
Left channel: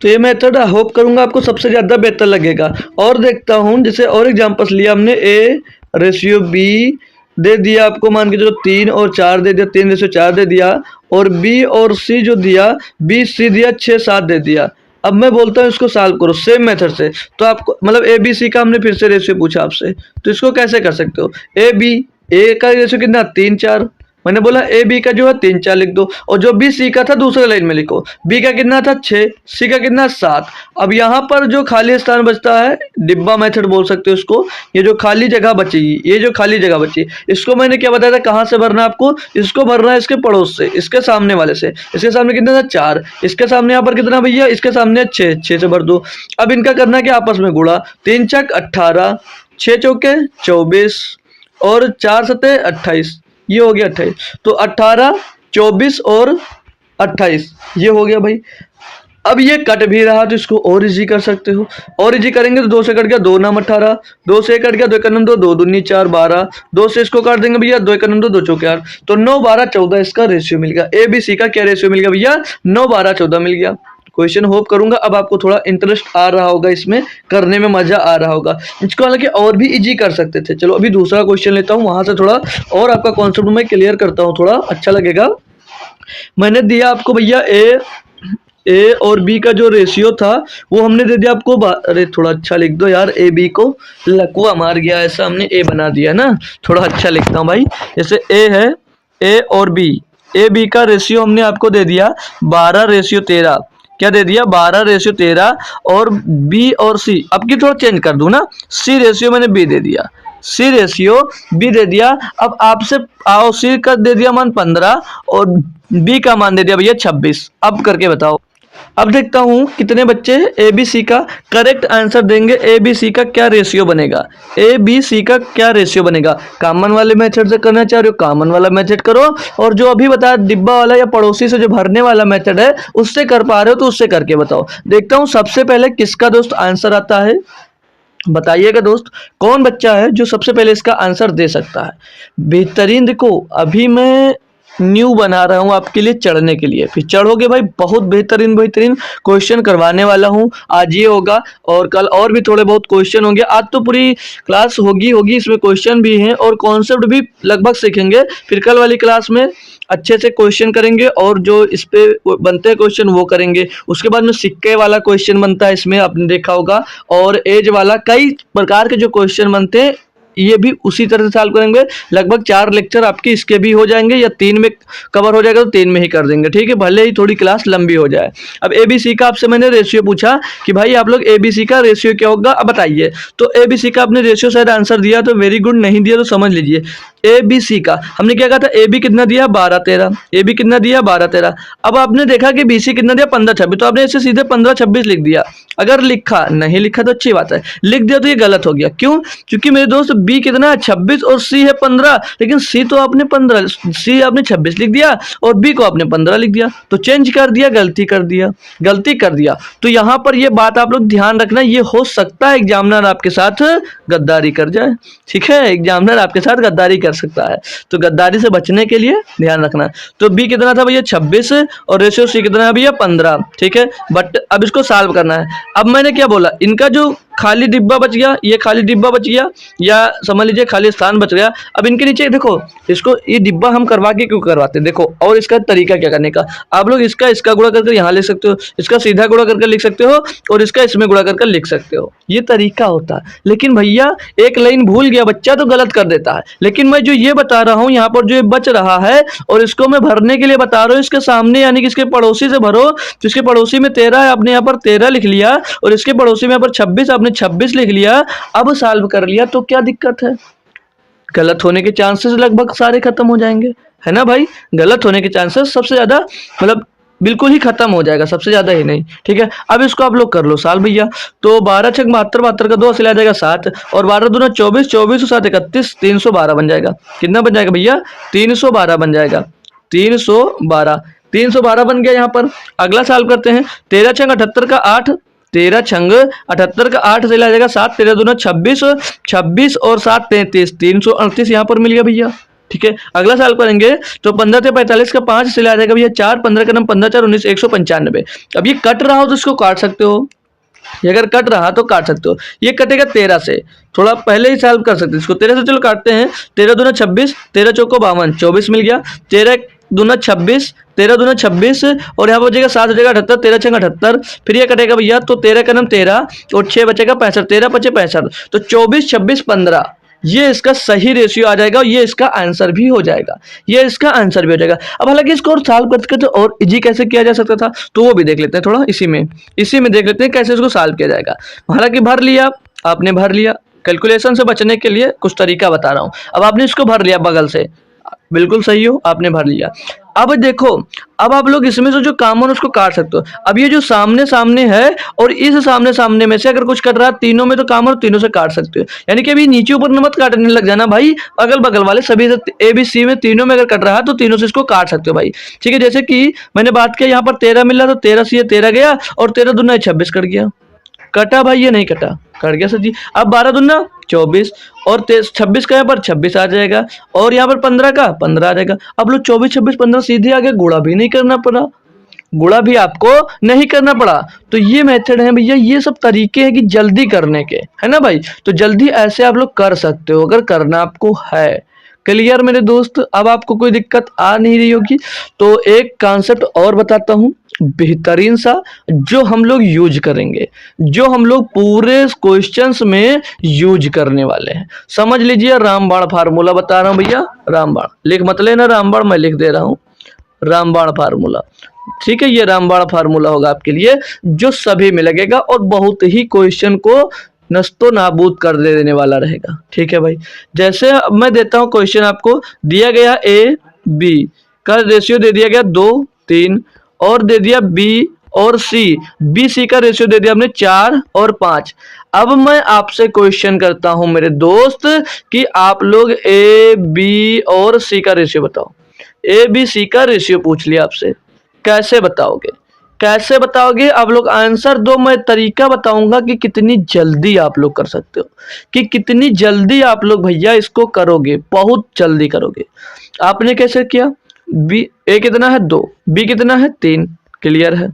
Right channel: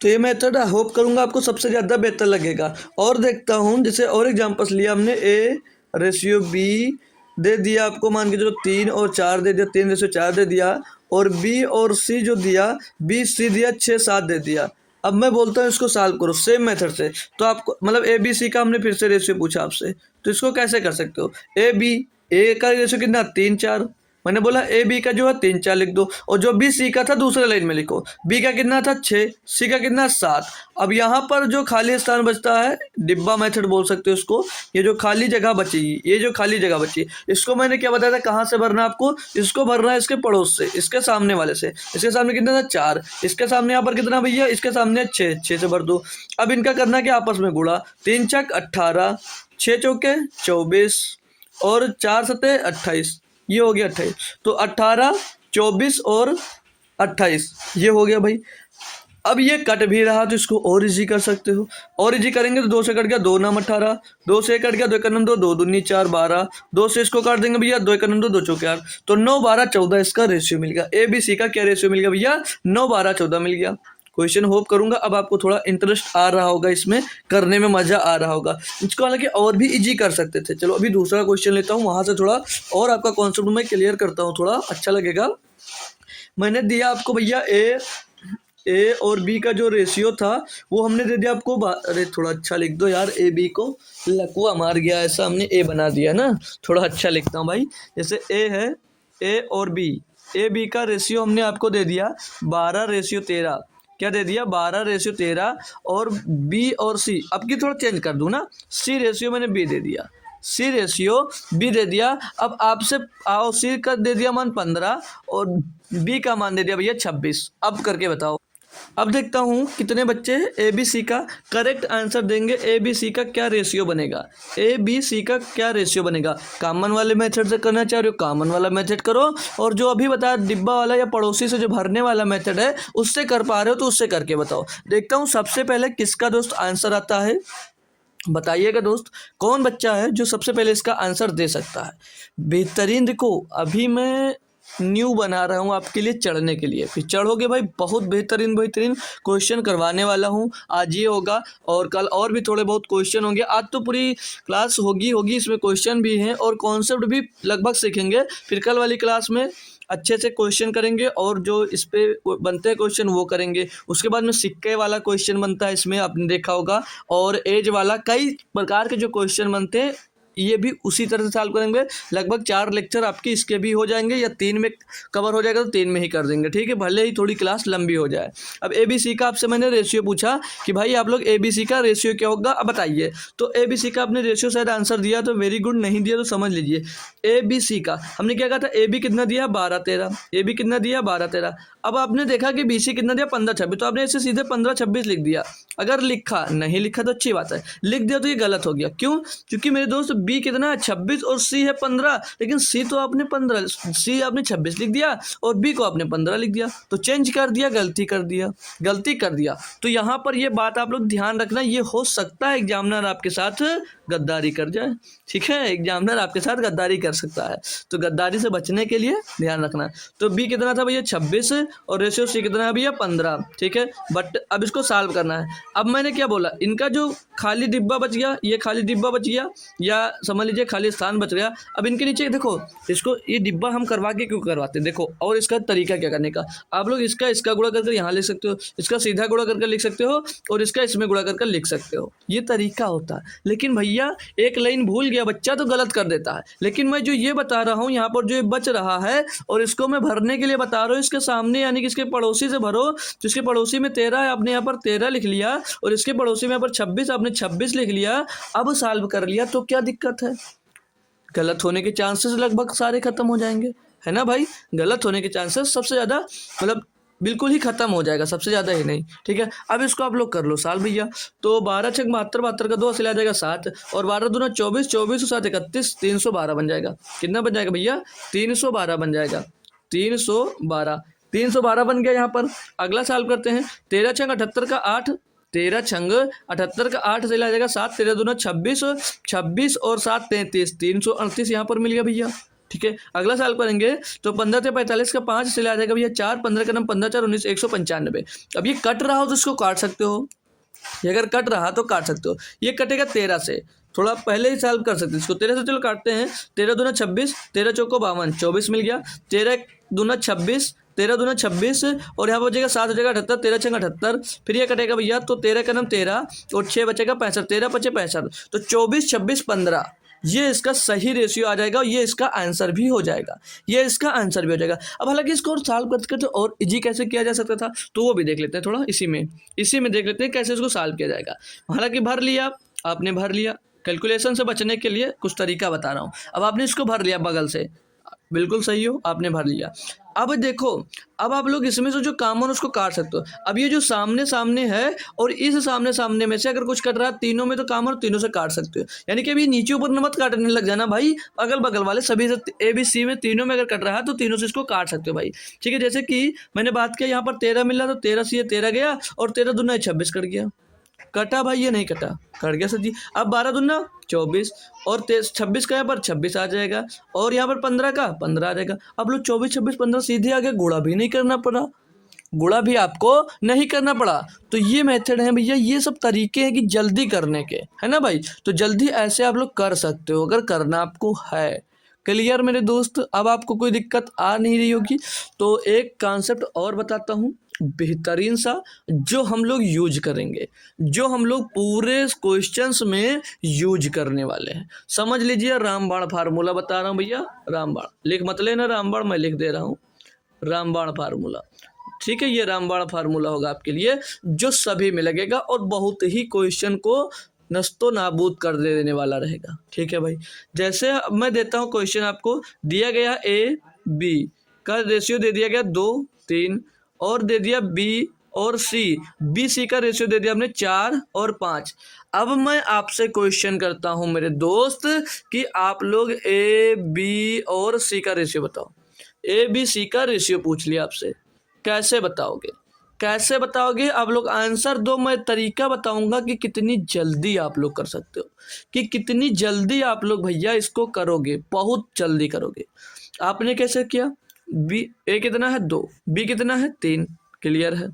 तो ये मेथड होप करूंगा आपको सबसे ज़्यादा बेहतर लगेगा। और देखता हूँ, जैसे और एग्जांपल्स लिया हमने, ए रेशियो बी दे दिया आपको, मान के चलो 3 और 4 दे दिया, 3:4 दे दिया, और बी और सी जो दिया, बी सी दिया 6 7 दे दिया। अब मैं बोलता हूँ इसको सॉल्व करो सेम मेथड से। तो आपको मतलब ए बी सी का हमने फिर से रेशियो पूछा आपसे, तो इसको कैसे कर सकते हो, ए बी, ए का रेशियो कितना 3 4, मैंने बोला ए बी का जो है 3 4 लिख दो, और जो बी सी का था दूसरे लाइन में लिखो, बी का कितना था 6, सी का कितना 7। अब यहाँ पर जो खाली स्थान बचता है, डिब्बा मेथड बोल सकते हो उसको, ये जो खाली जगह बचेगी, ये जो खाली जगह बची, इसको मैंने क्या बताया था कहाँ से भरना है आपको, इसको भरना है इसके पड़ोस से, इसके सामने वाले से। इसके सामने कितना था 4, इसके सामने यहाँ पर कितना भैया, इसके सामने 6, 6 से भर दो। अब इनका करना है कि आपस में गुणा, 3 छक 18, 6 चौके 24 और 4 सते 28, ये हो गया 28। तो 18 24 और 28 ये हो गया भाई। अब ये कट भी रहा तो इसको और इजी कर सकते हो, और इजी करेंगे तो 2 से कट गया 2 नाम 18, 2 से कट गया 2 1 2, 2 दूनी 4 12, 2 से इसको काट देंगे भैया 2 1 2, 2 चौके 8, तो 9 12 14 इसका रेशियो मिल गया। ए बी सी का क्या रेशियो मिल गया भैया, 9 12 14 मिल गया। क्वेश्चन होप करूंगा अब आपको थोड़ा इंटरेस्ट आ रहा होगा, इसमें करने में मजा आ रहा होगा। इसको हालांकि और भी इजी कर सकते थे। चलो अभी दूसरा क्वेश्चन लेता हूँ, वहां से थोड़ा और आपका कॉन्सेप्ट मैं क्लियर करता हूँ, थोड़ा अच्छा लगेगा। मैंने दिया आपको भैया ए और बी का जो रेशियो था वो हमने दे दिया आपको, अरे थोड़ा अच्छा लिख दो यार, ए बी को लकुआ मार गया ऐसा, हमने ए बना दिया ना, थोड़ा अच्छा लिखता हूँ भाई। जैसे ए है, ए और बी, ए बी का रेशियो हमने आपको दे दिया 12:13, क्या दे दिया 12:13, और बी और सी, अब की थोड़ा चेंज कर दूं ना, सी रेशियो मैंने बी दे दिया, सी रेशियो बी दे दिया। अब आपसे आओ, सी का दे दिया मान 15 और बी का मान दे दिया भैया 26। अब करके बताओ, अब देखता हूं कितने बच्चे ए बी सी का करेक्ट आंसर देंगे। ए बी सी का क्या रेशियो बनेगा, ए बी सी का क्या रेशियो बनेगा। कॉमन वाले मेथड से करना चाह रहे हो कॉमन वाला मेथड करो, और जो अभी बताया डिब्बा वाला या पड़ोसी से जो भरने वाला मेथड है उससे कर पा रहे हो तो उससे करके बताओ। देखता हूं सबसे पहले किसका दोस्त आंसर आता है, बताइएगा दोस्त, कौन बच्चा है जो सबसे पहले इसका आंसर दे सकता है। बेहतरीन, देखो अभी मैं न्यू बना रहा हूँ आपके लिए चढ़ने के लिए, फिर चढ़ोगे भाई बहुत बेहतरीन बेहतरीन क्वेश्चन करवाने वाला हूँ। आज ये होगा और कल और भी थोड़े बहुत क्वेश्चन होंगे। आज तो पूरी क्लास होगी इसमें क्वेश्चन भी हैं और कॉन्सेप्ट भी लगभग सीखेंगे। फिर कल वाली क्लास में अच्छे से क्वेश्चन करेंगे और जो इस पे बनते हैं क्वेश्चन वो करेंगे। उसके बाद में सिक्के वाला क्वेश्चन बनता है, इसमें आपने देखा होगा, और एज वाला, कई प्रकार के जो क्वेश्चन बनते हैं ये भी उसी तरह से सॉल्व करेंगे। लगभग 4 लेक्चर आपके इसके भी हो जाएंगे, या 3 में कवर हो जाएगा तो 3 में ही कर देंगे, ठीक है, भले ही थोड़ी क्लास लंबी हो जाए। अब ए बी सी का आपसे मैंने रेशियो पूछा कि भाई आप लोग ए बी सी का रेशियो क्या होगा, अब बताइए। तो ए बी सी का आपने रेशियो शायद आंसर दिया तो वेरी गुड, नहीं दिया तो समझ लीजिए। ए बी सी का हमने क्या कहा था, ए बी कितना दिया 12 13, ए बी कितना दिया 12 13। अब आपने देखा कि बी सी कितना दिया 15 26, तो आपने इसे सीधे 15 26 लिख दिया। अगर लिखा, नहीं लिखा तो अच्छी बात है, लिख दिया तो ये गलत हो गया। क्यों? क्योंकि मेरे दोस्त बी कितना है 26 और सी है 15, लेकिन सी तो आपने 15, सी आपने 26 लिख दिया और बी को आपने 15 लिख दिया, तो चेंज कर दिया, गलती कर दिया, गलती कर दिया। तो यहाँ पर ये बात आप लोग ध्यान रखना, ये हो सकता है एग्जामिनर आपके साथ गद्दारी कर जाए, ठीक है, एग्जामिनर आपके साथ गद्दारी कर सकता है, तो गद्दारी से बचने के लिए ध्यान रखना। तो बी कितना था भैया 26 और रेशियो सी कितना है भैया 15, ठीक है। बट अब इसको सॉल्व करना है। अब मैंने क्या बोला, इनका जो खाली डिब्बा बच गया, ये खाली डिब्बा बच गया, या समझ लीजिए खाली स्थान बच गया। अब इनके नीचे देखो, इसको ये डिब्बा हम करवा के क्यों करवाते हैं, देखो, और इसका तरीका क्या करने का, आप लोग इसका गुणा करके यहाँ लिख सकते हो, इसका सीधा गुणा करके लिख सकते हो, और इसका इसमें गुणा करके लिख सकते हो, ये तरीका होता है। लेकिन भैया एक लाइन भूल गया बच्चा तो गलत कर देता है। लेकिन मैं जो ये बता रहा हूँ यहाँ पर जो ये बच रहा है, और इसको मैं भरने के लिए बता रहा हूँ, इसके सामने यानी कि इसके पड़ोसी से भरो। जिसके पड़ोसी में 13 है, आपने यहाँ पर 13 लिख लिया, और इसके पड़ोसी में यहाँ पर 26, आपने 26 लिख लिया। अब सॉल्व कर लिया तो क्या दिक्कत है? गलत होने के चांसेस लगभग सारे खत्म हो जाएंगे, है ना भाई? गलत होने के चांसेस सबसे ज्यादा, मतलब बिल्कुल ही खत्म हो जाएगा, सबसे ज्यादा ही नहीं, ठीक है। अब इसको आप लोग कर लो सॉल्व भैया। तो 12 छक 72, 72 का 2 असली आ जाएगा 7, और 12 दूना 24, 24 और 7 31, 312 बन जाएगा। कितना बन जाएगा भैया? 312 बन जाएगा, 312, 312 बन गया यहाँ पर। अगला सॉल्व करते हैं। 13 छंग 78 का 8, 13 छंग 78 का 8 से आ जाएगा 7, 13 दूना 26, 26 और 7 33, 338 यहाँ पर मिल गया भैया, ठीक है। अगला सॉल्व करेंगे तो 15 से 45 का 5 से आ जाएगा भैया 4, 15 का 9, 15 4 19, 195। अब ये कट रहा हो तो इसको काट सकते हो, ये अगर कट रहा तो काट सकते हो। ये कटेगा 13 से, थोड़ा पहले ही सॉल्व कर सकते हैं इसको। 13 से चलो काटते हैं। 13 दूना 26, 13 चौको 52, 24 मिल गया। 13 दूना 26, 13 दूना 26, और यहाँ पर बचेगा 7 हो जाएगा 78, 13 छंग 78, फिर ये कटेगा भैया तो 13 का 13 और 6 बचेगा 65, 13 पचे 65, तो 24 26 15, ये इसका सही रेशियो आ जाएगा, ये इसका आंसर भी हो जाएगा, ये इसका आंसर भी हो जाएगा। अब हालांकि इसको और सॉल्व करते करते और इजी कैसे किया जा सकता था, तो वो भी देख लेते हैं थोड़ा, इसी में देख लेते हैं कैसे इसको सॉल्व किया जाएगा। हालांकि भर लिया, आपने भर लिया, कैलकुलेशन से बचने के लिए कुछ तरीका बता रहा हूँ। अब आपने इसको भर लिया बगल से, बिल्कुल सही हो, आपने भर लिया। अब देखो, अब आप लोग इसमें से जो कॉमन उसको काट सकते हो। अब ये जो सामने सामने है और इस सामने सामने में से अगर कुछ कट रहा है, तीनों में तो कॉमन, तीनों से काट सकते हो। यानी कि अभी नीचे ऊपर मत काटने लग जाना भाई, अगल बगल वाले सभी से ए बी सी में तीनों में अगर कट रहा है तो तीनों से इसको काट सकते हो भाई, ठीक है। जैसे कि मैंने बात किया यहाँ पर 13 मिल रहा तो 13 से 13 गया, और 13 दूना 26 कट गया, कटा भाई, ये नहीं कटा, कट गया सर जी। अब 12 दूना 24 और 26 का यहाँ पर 26 आ जाएगा, और यहाँ पर 15 का 15 आ जाएगा। अब लोग 24 26 15 सीधे आगे, गुणा भी नहीं करना पड़ा, गुणा भी आपको नहीं करना पड़ा। तो ये मेथड है भैया, ये सब तरीके हैं कि जल्दी करने के, है ना भाई। तो जल्दी ऐसे आप लोग कर सकते हो अगर करना आपको है। क्लियर मेरे दोस्त? अब आपको कोई दिक्कत आ नहीं रही होगी। तो एक कॉन्सेप्ट और बताता हूँ बेहतरीन सा, जो हम लोग यूज करेंगे, जो हम लोग पूरे क्वेश्चंस में यूज करने वाले हैं। समझ लीजिए, रामबाण फार्मूला बता रहा हूँ भैया, रामबाण लिख मत लेना, रामबाण मैं लिख दे रहा हूँ, रामबाण फार्मूला, ठीक है। ये रामबाण फार्मूला होगा आपके लिए, जो सभी में लगेगा और बहुत ही क्वेश्चन को नस्तो नाबूद कर देने वाला रहेगा, ठीक है भाई। जैसे मैं देता हूँ क्वेश्चन, आपको दिया गया ए बी का रेशियो दे दिया गया 2 3, और दे दिया बी और सी, बी सी का रेशियो दे दिया हमने 4 और 5। अब मैं आपसे क्वेश्चन करता हूं मेरे दोस्त कि आप लोग ए बी और सी का रेशियो बताओ। ए बी सी का रेशियो पूछ लिया आपसे, कैसे बताओगे, कैसे बताओगे आप लोग? आंसर दो, मैं तरीका बताऊंगा कि कितनी जल्दी आप लोग कर सकते हो, कि कितनी जल्दी आप लोग भैया इसको करोगे, बहुत जल्दी करोगे। आपने कैसे किया? बी ए कितना है 2, बी कितना है 3, क्लियर है,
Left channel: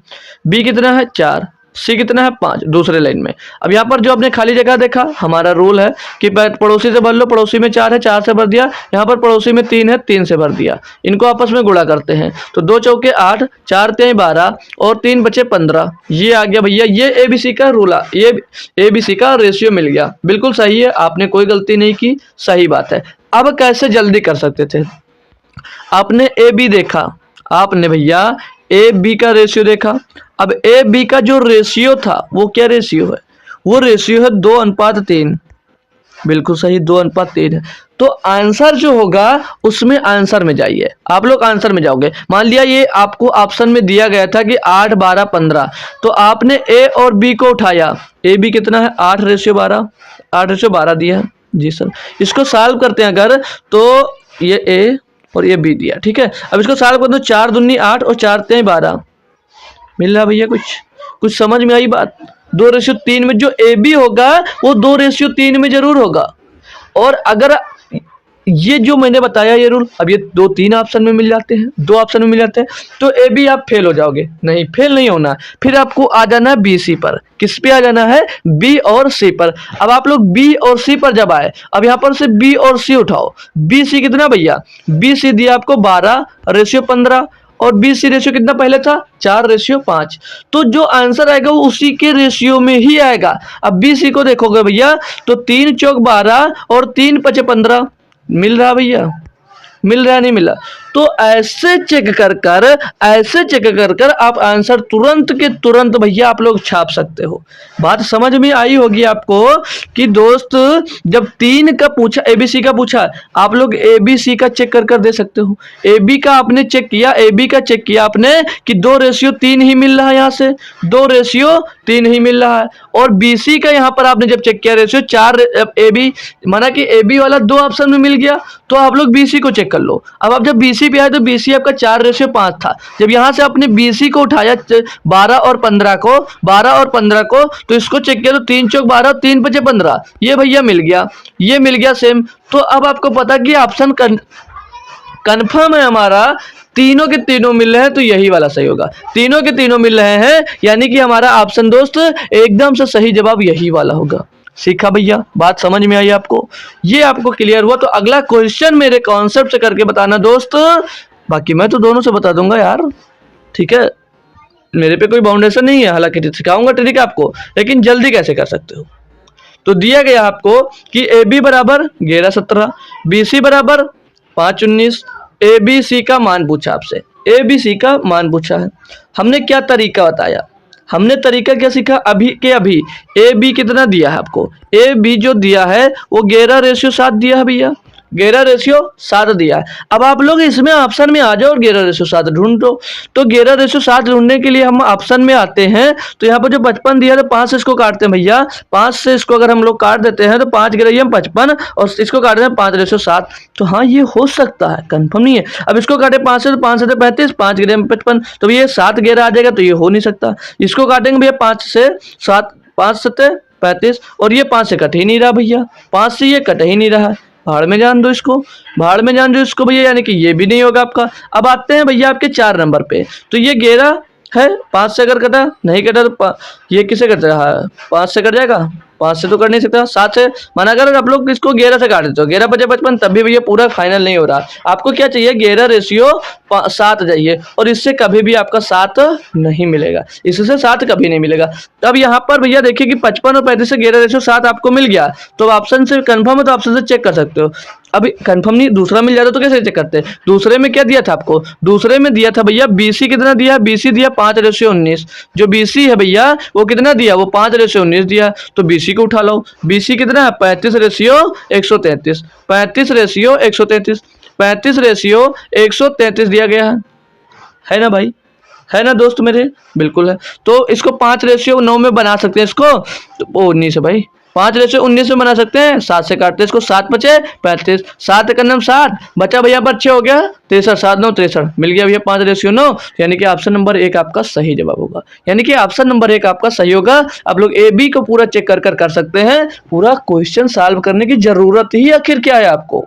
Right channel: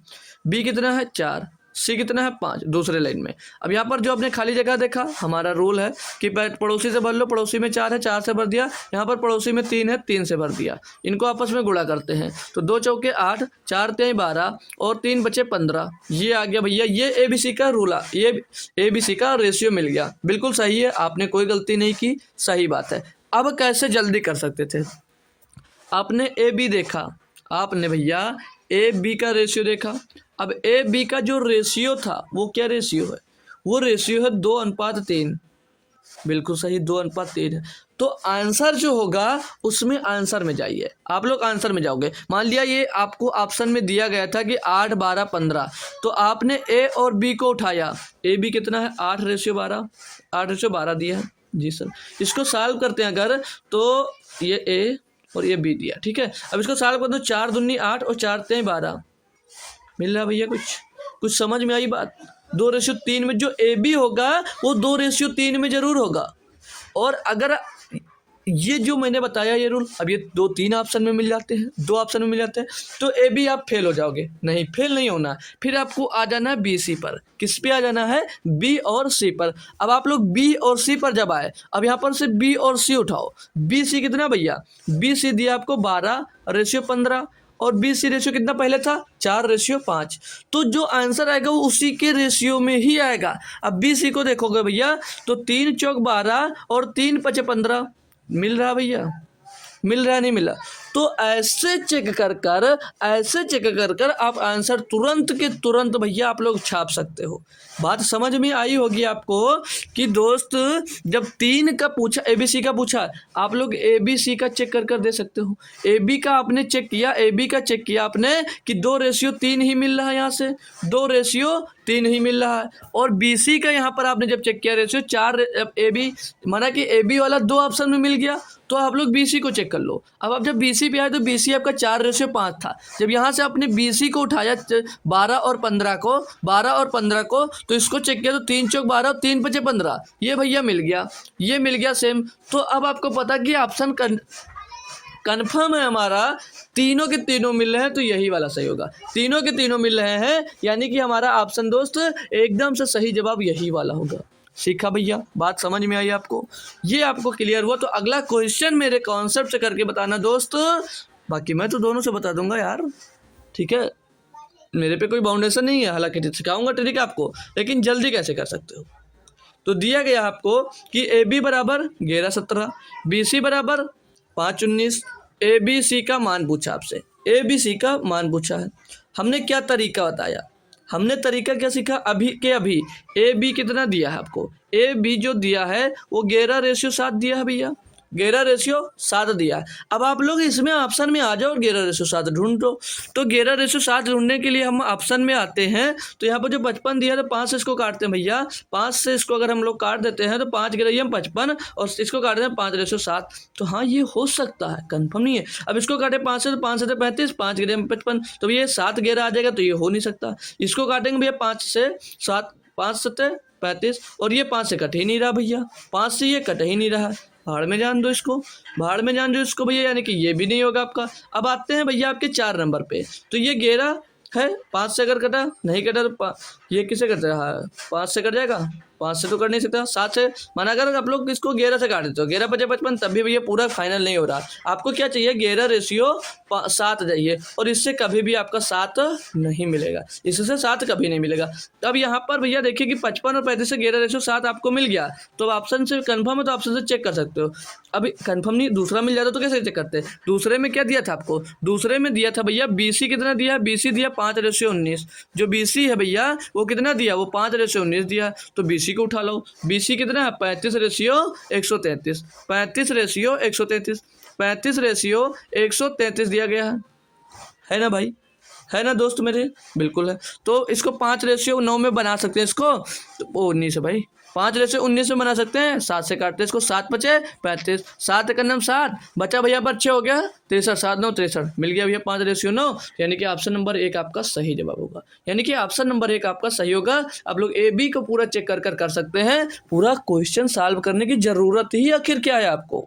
बी कितना है 4, सी कितना है 5, दूसरे लाइन में। अब यहाँ पर जो आपने खाली जगह देखा, हमारा रूल है कि पड़ोसी से भर लो, पड़ोसी में 4 है 4 से भर दिया, यहाँ पर पड़ोसी में 3 है 3 से भर दिया। इनको आपस में गुणा करते हैं तो 2 चौके 8, 4 3 12 और 3 बचे 15, ये आ गया भैया। ये एबीसी का रूल, ये एबीसी का रेशियो मिल गया, बिल्कुल सही है, आपने कोई गलती नहीं की, सही बात है। अब कैसे जल्दी कर सकते थे? आपने ए बी देखा, आपने भैया ए बी का रेशियो देखा। अब ए बी का जो रेशियो था वो क्या रेशियो है? वो रेशियो है 2:3, बिल्कुल सही, 2:3 है। तो आंसर जो होगा उसमें आंसर में जाइए, आप लोग आंसर में जाओगे। मान लिया ये आपको ऑप्शन में दिया गया था कि 8, 12, 15, तो आपने ए और बी को उठाया। ए बी कितना है, 8:12, 8:12 दिया है जी सर। इसको सॉल्व करते हैं अगर, तो ये ए और ये बी दिया, ठीक है। अब इसको सॉल्व कर दो, 4 दूनी 8 और 4 तें 12, मिल रहा भैया? कुछ समझ में आई बात? 2:3 में जो ए बी होगा वो 2:3 में जरूर होगा। और अगर ये जो मैंने बताया ये रूल, अब ये 2-3 ऑप्शन में मिल जाते हैं, 2 ऑप्शन में मिल जाते हैं, तो ए बी आप फेल हो जाओगे। नहीं, फेल नहीं होना, फिर आपको आ जाना है बी सी पर। किस पे आ जाना है? बी और सी पर। अब आप लोग बी और सी पर जब आए, अब यहाँ पर से बी और सी उठाओ। बी सी कितना भैया? बी सी दिया आपको 12:15, और बी सी रेशियो कितना पहले था? 4:5। तो जो आंसर आएगा वो उसी के रेशियो में ही आएगा। अब बी सी को देखोगे भैया, तो 3 चौक 12 और 3 पचे 15, मिल रहा भैया? मिल रहा नहीं मिला? तो ऐसे चेक कर कर आप आंसर तुरंत के तुरंत भैया आप लोग छाप सकते हो। बात समझ में आई होगी आपको कि दोस्त जब 3 का पूछा, एबीसी का पूछा, आप लोग एबीसी का चेक कर कर दे सकते हो। एबी का आपने चेक किया, एबी का चेक किया आपने कि 2:3 ही मिल रहा है, यहाँ से 2:3 ही मिल रहा है। और बीसी का यहाँ पर आपने जब चेक किया रेशियो 4, एबी माना कि एबी वाला 2 ऑप्शन में मिल गया, तो आप लोग बीसी को चेक कर लो। अब आप जब बीसी पे आए तो बीसी आपका 4:5 था। जब यहाँ से आपने बीसी को उठाया 12 और 15 को, तो इसको चेक किया तो 3 चौक 12 और 3 पचे 15, ये भैया मिल गया, ये मिल गया सेम। तो अब आपको पता कि ऑप्शन कन्फर्म है हमारा, तीनों के तीनों मिल रहे हैं, तो यही वाला सही होगा। तीनों के तीनों मिल रहे हैं, यानी कि हमारा ऑप्शन दोस्त एकदम से सही जवाब यही वाला होगा। सीखा भैया? बात समझ में आई आपको? ये आपको क्लियर हुआ? तो अगला क्वेश्चन मेरे कॉन्सेप्ट से करके बताना दोस्त। बाकी मैं तो दोनों से बता दूंगा यार, ठीक है, मेरे पे कोई बाउंडेशन नहीं है। हालांकि सिखाऊंगा ट्रिक आपको, लेकिन जल्दी कैसे कर सकते हो। तो दिया गया आपको कि ए बी बराबर 11:17, बी सी बराबर 5:19, ए बी सी का मान पूछा आपसे, ए बी सी का मान पूछा है। हमने क्या तरीका बताया? हमने तरीका क्या सीखा? अभी के अभी ए बी कितना दिया है आपको? ए बी जो दिया है वो 11:7 दिया है भैया, 11:7 दिया है। अब आप लोग इसमें ऑप्शन में आ जाओ और 11:7 ढूंढो। तो 11:7 ढूंढने के लिए हम ऑप्शन में आते हैं, तो यहाँ पर जो 55 दिया है, 5 से इसको काटते हैं भैया। 5 से इसको अगर हम लोग काट देते हैं तो 5 गिरैया 55, और इसको काटते हैं 5:7। तो हाँ, ये हो सकता है, कंफर्म नहीं है। अब इसको काटे 5 से, तो 5 से 35, 5 गिरैया 55, तो ये 7 11 आ जाएगा, तो ये हो नहीं सकता। इसको काटेंगे भैया 5 से 7, 5 7 35, और ये 5 से कट ही नहीं रहा भैया, 5 से ये कट ही नहीं रहा। भाड़ में जान दो इसको, भाड़ में जान दो इसको भैया, यानी कि ये भी नहीं होगा आपका। अब आते हैं भैया आपके 4 नंबर पे। तो ये 11 है, 5 से अगर कटा, नहीं कटा तो ये किसे कट रहा है? 5 से कट जाएगा, 5 से तो कर नहीं सकता, 7 से। माना अगर आप लोग इसको 11 से काट देते हो, 11 पचे 55, तब भी भैया पूरा फाइनल नहीं हो रहा। आपको क्या चाहिए? 11:7 चाहिए, और इससे कभी भी आपका 7 नहीं मिलेगा, इससे 7 कभी नहीं मिलेगा। अब यहाँ पर भैया देखिए कि 55 और 35 से 11:7 आपको मिल गया, तो ऑप्शन से कंफर्म है, तो ऑप्शन से चेक कर सकते हो। अभी कंफर्म नहीं, दूसरा मिल जाता तो कैसे चेक करते हैं? दूसरे में क्या दिया था आपको? दूसरे में दिया था भैया बीसी कितना दिया? बीसी दिया 5:19। जो बीसी है भैया वो कितना दिया? वो 5:19 दिया, तो बीसी को उठा लो। बीसी कितना है? 35:133, 35:133, 35:133 दिया गया है ना भाई? है ना दोस्त मेरे? बिल्कुल है। तो इसको 5:9 में बना सकते हैं इसको, तो 19 है भाई, 5:19 में बना सकते हैं। 7 से काटते हैं इसको, 7 बचे 35, 7 का नाम 7 बचा भैया पर 6 हो गया 63, 7 9 63, मिल गया भैया 5:9, यानी कि ऑप्शन नंबर 1 आपका सही जवाब होगा। यानी कि ऑप्शन नंबर 1 आपका सही होगा। आप लोग ए बी को पूरा चेक कर सकते हैं। पूरा क्वेश्चन सॉल्व करने की जरूरत ही आखिर क्या है आपको?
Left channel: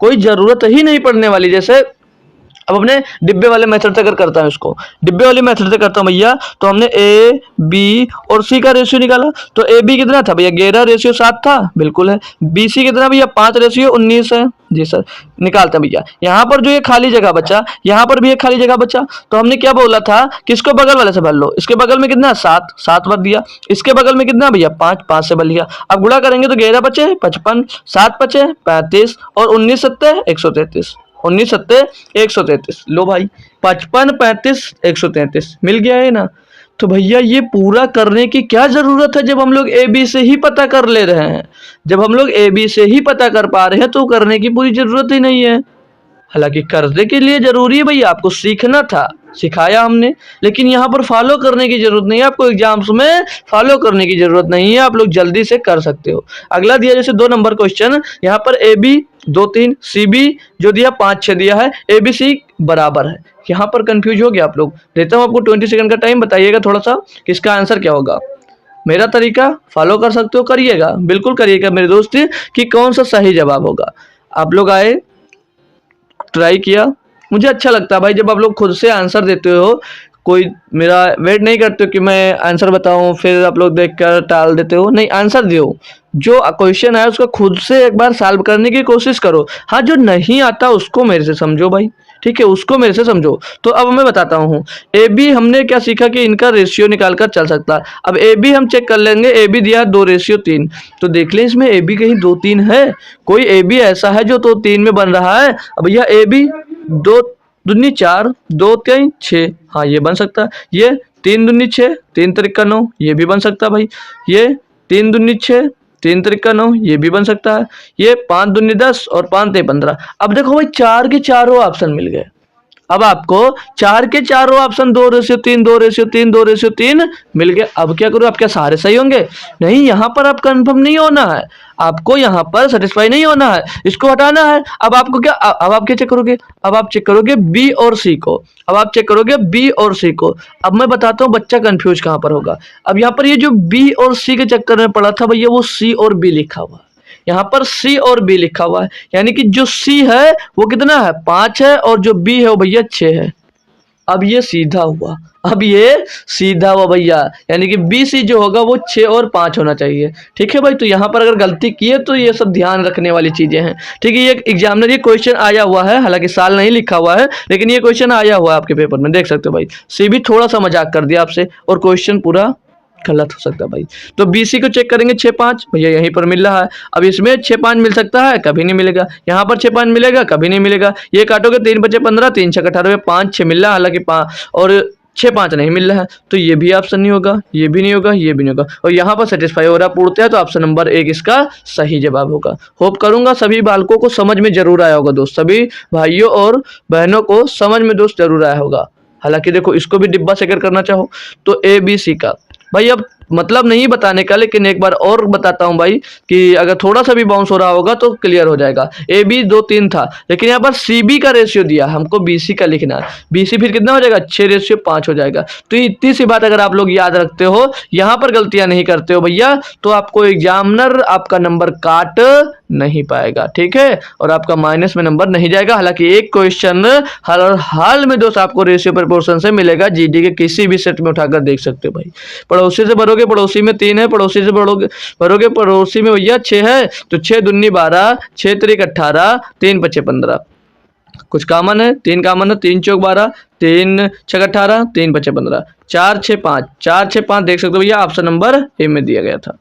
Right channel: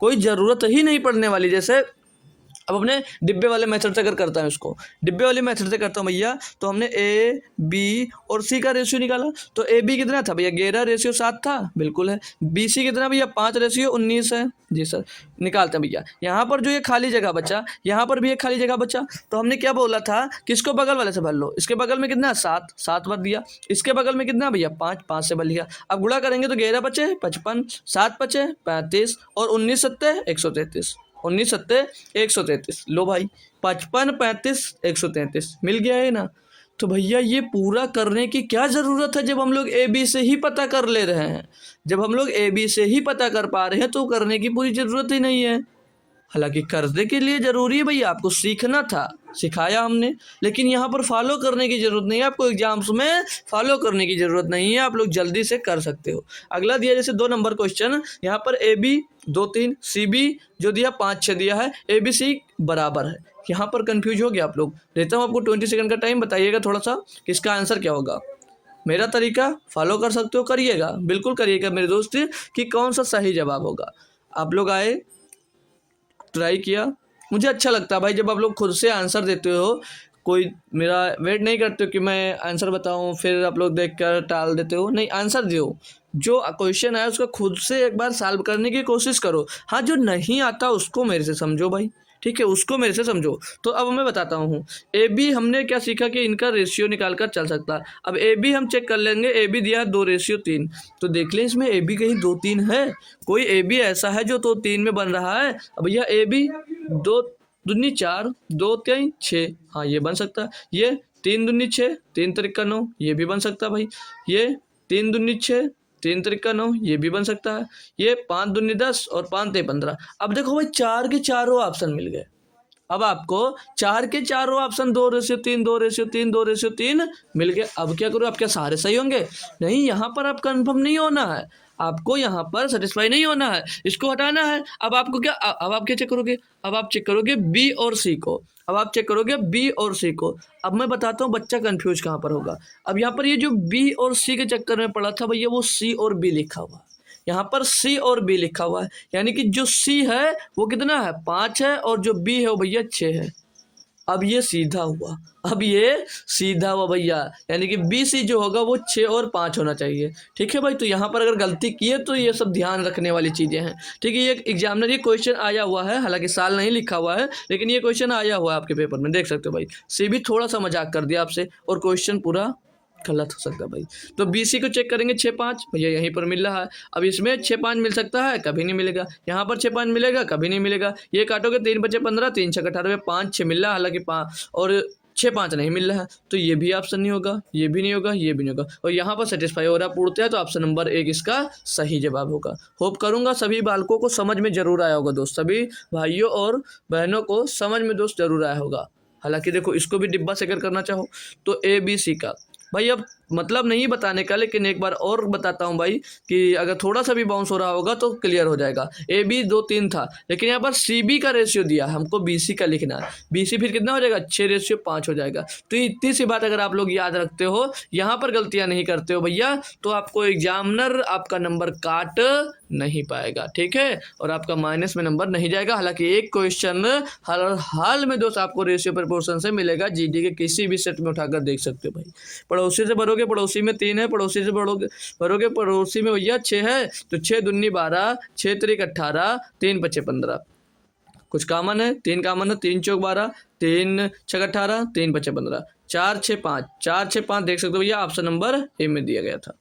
कोई जरूरत ही नहीं पड़ने वाली। जैसे अब अपने डिब्बे वाले मेथड से अगर करता हूँ इसको, डिब्बे वाले मेथड से करता हूँ भैया, तो हमने ए बी और सी का रेशियो निकाला। तो ए बी कितना था भैया? 11:7 था, बिल्कुल है। बी सी कितना भैया? 5:19 है, जी सर। निकालते हैं भैया। यहाँ पर जो ये खाली जगह बचा, यहाँ पर भी एक खाली जगह बचा, तो हमने क्या बोला था कि इसको बगल वाले से भर लो। इसके बगल में कितना? 7, 7 भर दिया। इसके बगल में कितना भैया? 5, 5 से भर लिया। अब गुणा करेंगे तो 11 बचे 55, 7 बचे 35, और 19 7 133, 19 7 133। लो भाई, 55 35 133 मिल गया है ना? तो भैया ये पूरा करने की क्या ज़रूरत है जब हम लोग ए बी से ही पता कर ले रहे हैं। जब हम लोग ए बी से ही पता कर पा रहे हैं तो करने की पूरी ज़रूरत ही नहीं है। हालांकि करने के लिए ज़रूरी है भैया, आपको सीखना था, सिखाया हमने, लेकिन यहाँ पर फॉलो करने की ज़रूरत नहीं है आपको। एग्जाम्स में फॉलो करने की ज़रूरत नहीं है, आप लोग जल्दी से कर सकते हो। अगला दिया जैसे 2 नंबर क्वेश्चन, यहाँ पर ए बी 2 3, सी बी जो दिया 5 6 दिया है, ए बी सी बराबर है। यहाँ पर कंफ्यूज हो गया आप लोग। देता हूँ आपको 20 सेकंड का टाइम, बताइएगा थोड़ा सा कि इसका आंसर क्या होगा। मेरा तरीका फॉलो कर सकते हो, करिएगा, बिल्कुल करिएगा मेरे दोस्त, कि कौन सा सही जवाब होगा। आप लोग आए, ट्राई किया, मुझे अच्छा लगता है भाई जब आप लोग खुद से आंसर देते हो। कोई मेरा वेट नहीं करते हो कि मैं आंसर बताऊं फिर आप लोग देखकर टाल देते हो, नहीं, आंसर दो। जो क्वेश्चन है उसको खुद से एक बार सॉल्व करने की कोशिश करो। हाँ, जो नहीं आता उसको मेरे से समझो भाई, ठीक है, उसको मेरे से समझो। तो अब मैं बताता हूँ, ए बी हमने क्या सीखा कि इनका रेशियो निकाल कर चल सकता है। अब ए बी हम चेक कर लेंगे, ए बी दिया 2:3, तो देख लें इसमें ए बी कहीं 2 3 है। कोई ए बी ऐसा है जो 2 3 में बन रहा है। अब भैया ए बी 2 दूनी 4, 2 3 6, हाँ ये बन सकता है। ये 3 दूनी 6, 3 त्रिका 9, ये भी बन सकता है भाई। ये 3 दूनी 6, 3 त्रिका 9, ये भी बन सकता है। ये 5 दूनी 10 और 5 ते 15। अब देखो भाई 4 के चारों ऑप्शन मिल गए। अब आपको 4 के चारों ऑप्शन 2:3, 2:3, 2:3 मिल गए। अब क्या करो, आप क्या सारे सही होंगे? नहीं, यहाँ पर आप कंफर्म नहीं होना है, आपको यहाँ पर सेटिस्फाई नहीं होना है, इसको हटाना है। अब आपको क्या, अब आप क्या चेक करोगे? अब आप चेक करोगे बी और सी को। अब आप चेक करोगे बी और सी को। अब मैं बताता हूँ बच्चा कंफ्यूज कहाँ पर होगा। अब यहाँ पर ये जो बी और सी के चक्कर में पड़ा था भैया, वो सी और बी लिखा हुआ है। यहाँ पर सी और बी लिखा हुआ है, यानी कि जो सी है वो कितना है, 5 है, और जो बी है वो भैया 6 है। अब ये सीधा हुआ, अब ये सीधा हुआ भैया, यानी कि बी सी जो होगा वो 6 और 5 होना चाहिए। ठीक है भाई, तो यहाँ पर अगर गलती की है तो ये सब ध्यान रखने वाली चीज़ें हैं। ठीक है, ये एग्जामिनर ये क्वेश्चन आया हुआ है, हालांकि साल नहीं लिखा हुआ है, लेकिन ये क्वेश्चन आया हुआ है आपके पेपर में, देख सकते हो भाई। सी भी थोड़ा सा मजाक कर दिया आपसे और क्वेश्चन पूरा गलत हो सकता है भाई। तो बीसी को चेक करेंगे 6 5, भैया यहीं पर मिल रहा है। अब इसमें 6 5 मिल सकता है, कभी नहीं मिलेगा। यहाँ पर 6 5 मिलेगा, कभी नहीं मिलेगा। ये काटोगे 3 बचे 15, 3 6 18, 5 6 मिल रहा है, हालांकि 5 और 6 5 नहीं मिल रहा है, तो ये भी ऑप्शन नहीं होगा, ये भी नहीं होगा, ये भी नहीं होगा। और यहाँ पर सेटिस्फाई हो रहा पूर्णतः, तो ऑप्शन नंबर 1 इसका सही जवाब होगा। होप करूंगा सभी बालकों को समझ में जरूर आया होगा दोस्त, सभी भाइयों और बहनों को समझ में दोस्त जरूर आया होगा। हालांकि देखो, इसको भी डिब्बा सेकर करना चाहो तो ए बी सी का भाई, अब मतलब नहीं बताने का, लेकिन एक बार और बताता हूं भाई कि अगर थोड़ा सा भी बाउंस हो रहा होगा तो क्लियर हो जाएगा। ए बी 2 3 था, लेकिन यहाँ पर सी बी का रेशियो दिया, हमको बी सी का लिखना है। बी सी फिर कितना हो जाएगा, 6:5 हो जाएगा। तो इतनी सी बात अगर आप लोग याद रखते हो, यहाँ पर गलतियां नहीं करते हो भैया, तो आपको एग्जामिनर आपका नंबर काट नहीं पाएगा। ठीक है, और आपका माइनस में नंबर नहीं जाएगा। हालांकि एक क्वेश्चन हर हाल में दोस्त आपको रेशियो प्रोपोर्शन से मिलेगा, जीडी के किसी भी सेट में उठाकर देख सकते हो भाई। पड़ोसी से भरोगे, पड़ोसी में 3 है, पड़ोसी से भरोगे पड़ोसी में भैया 6 है, तो 6 दूनी 12, 6 त्रिक 18, 3 बचे 15। कुछ कामन है, 3 कामन है, 3 चौक 12, 3 6 18, 3 बचे 15, 4 6 5, 4 6 5 देख सकते हो भैया, ऑप्शन नंबर ए में दिया गया था।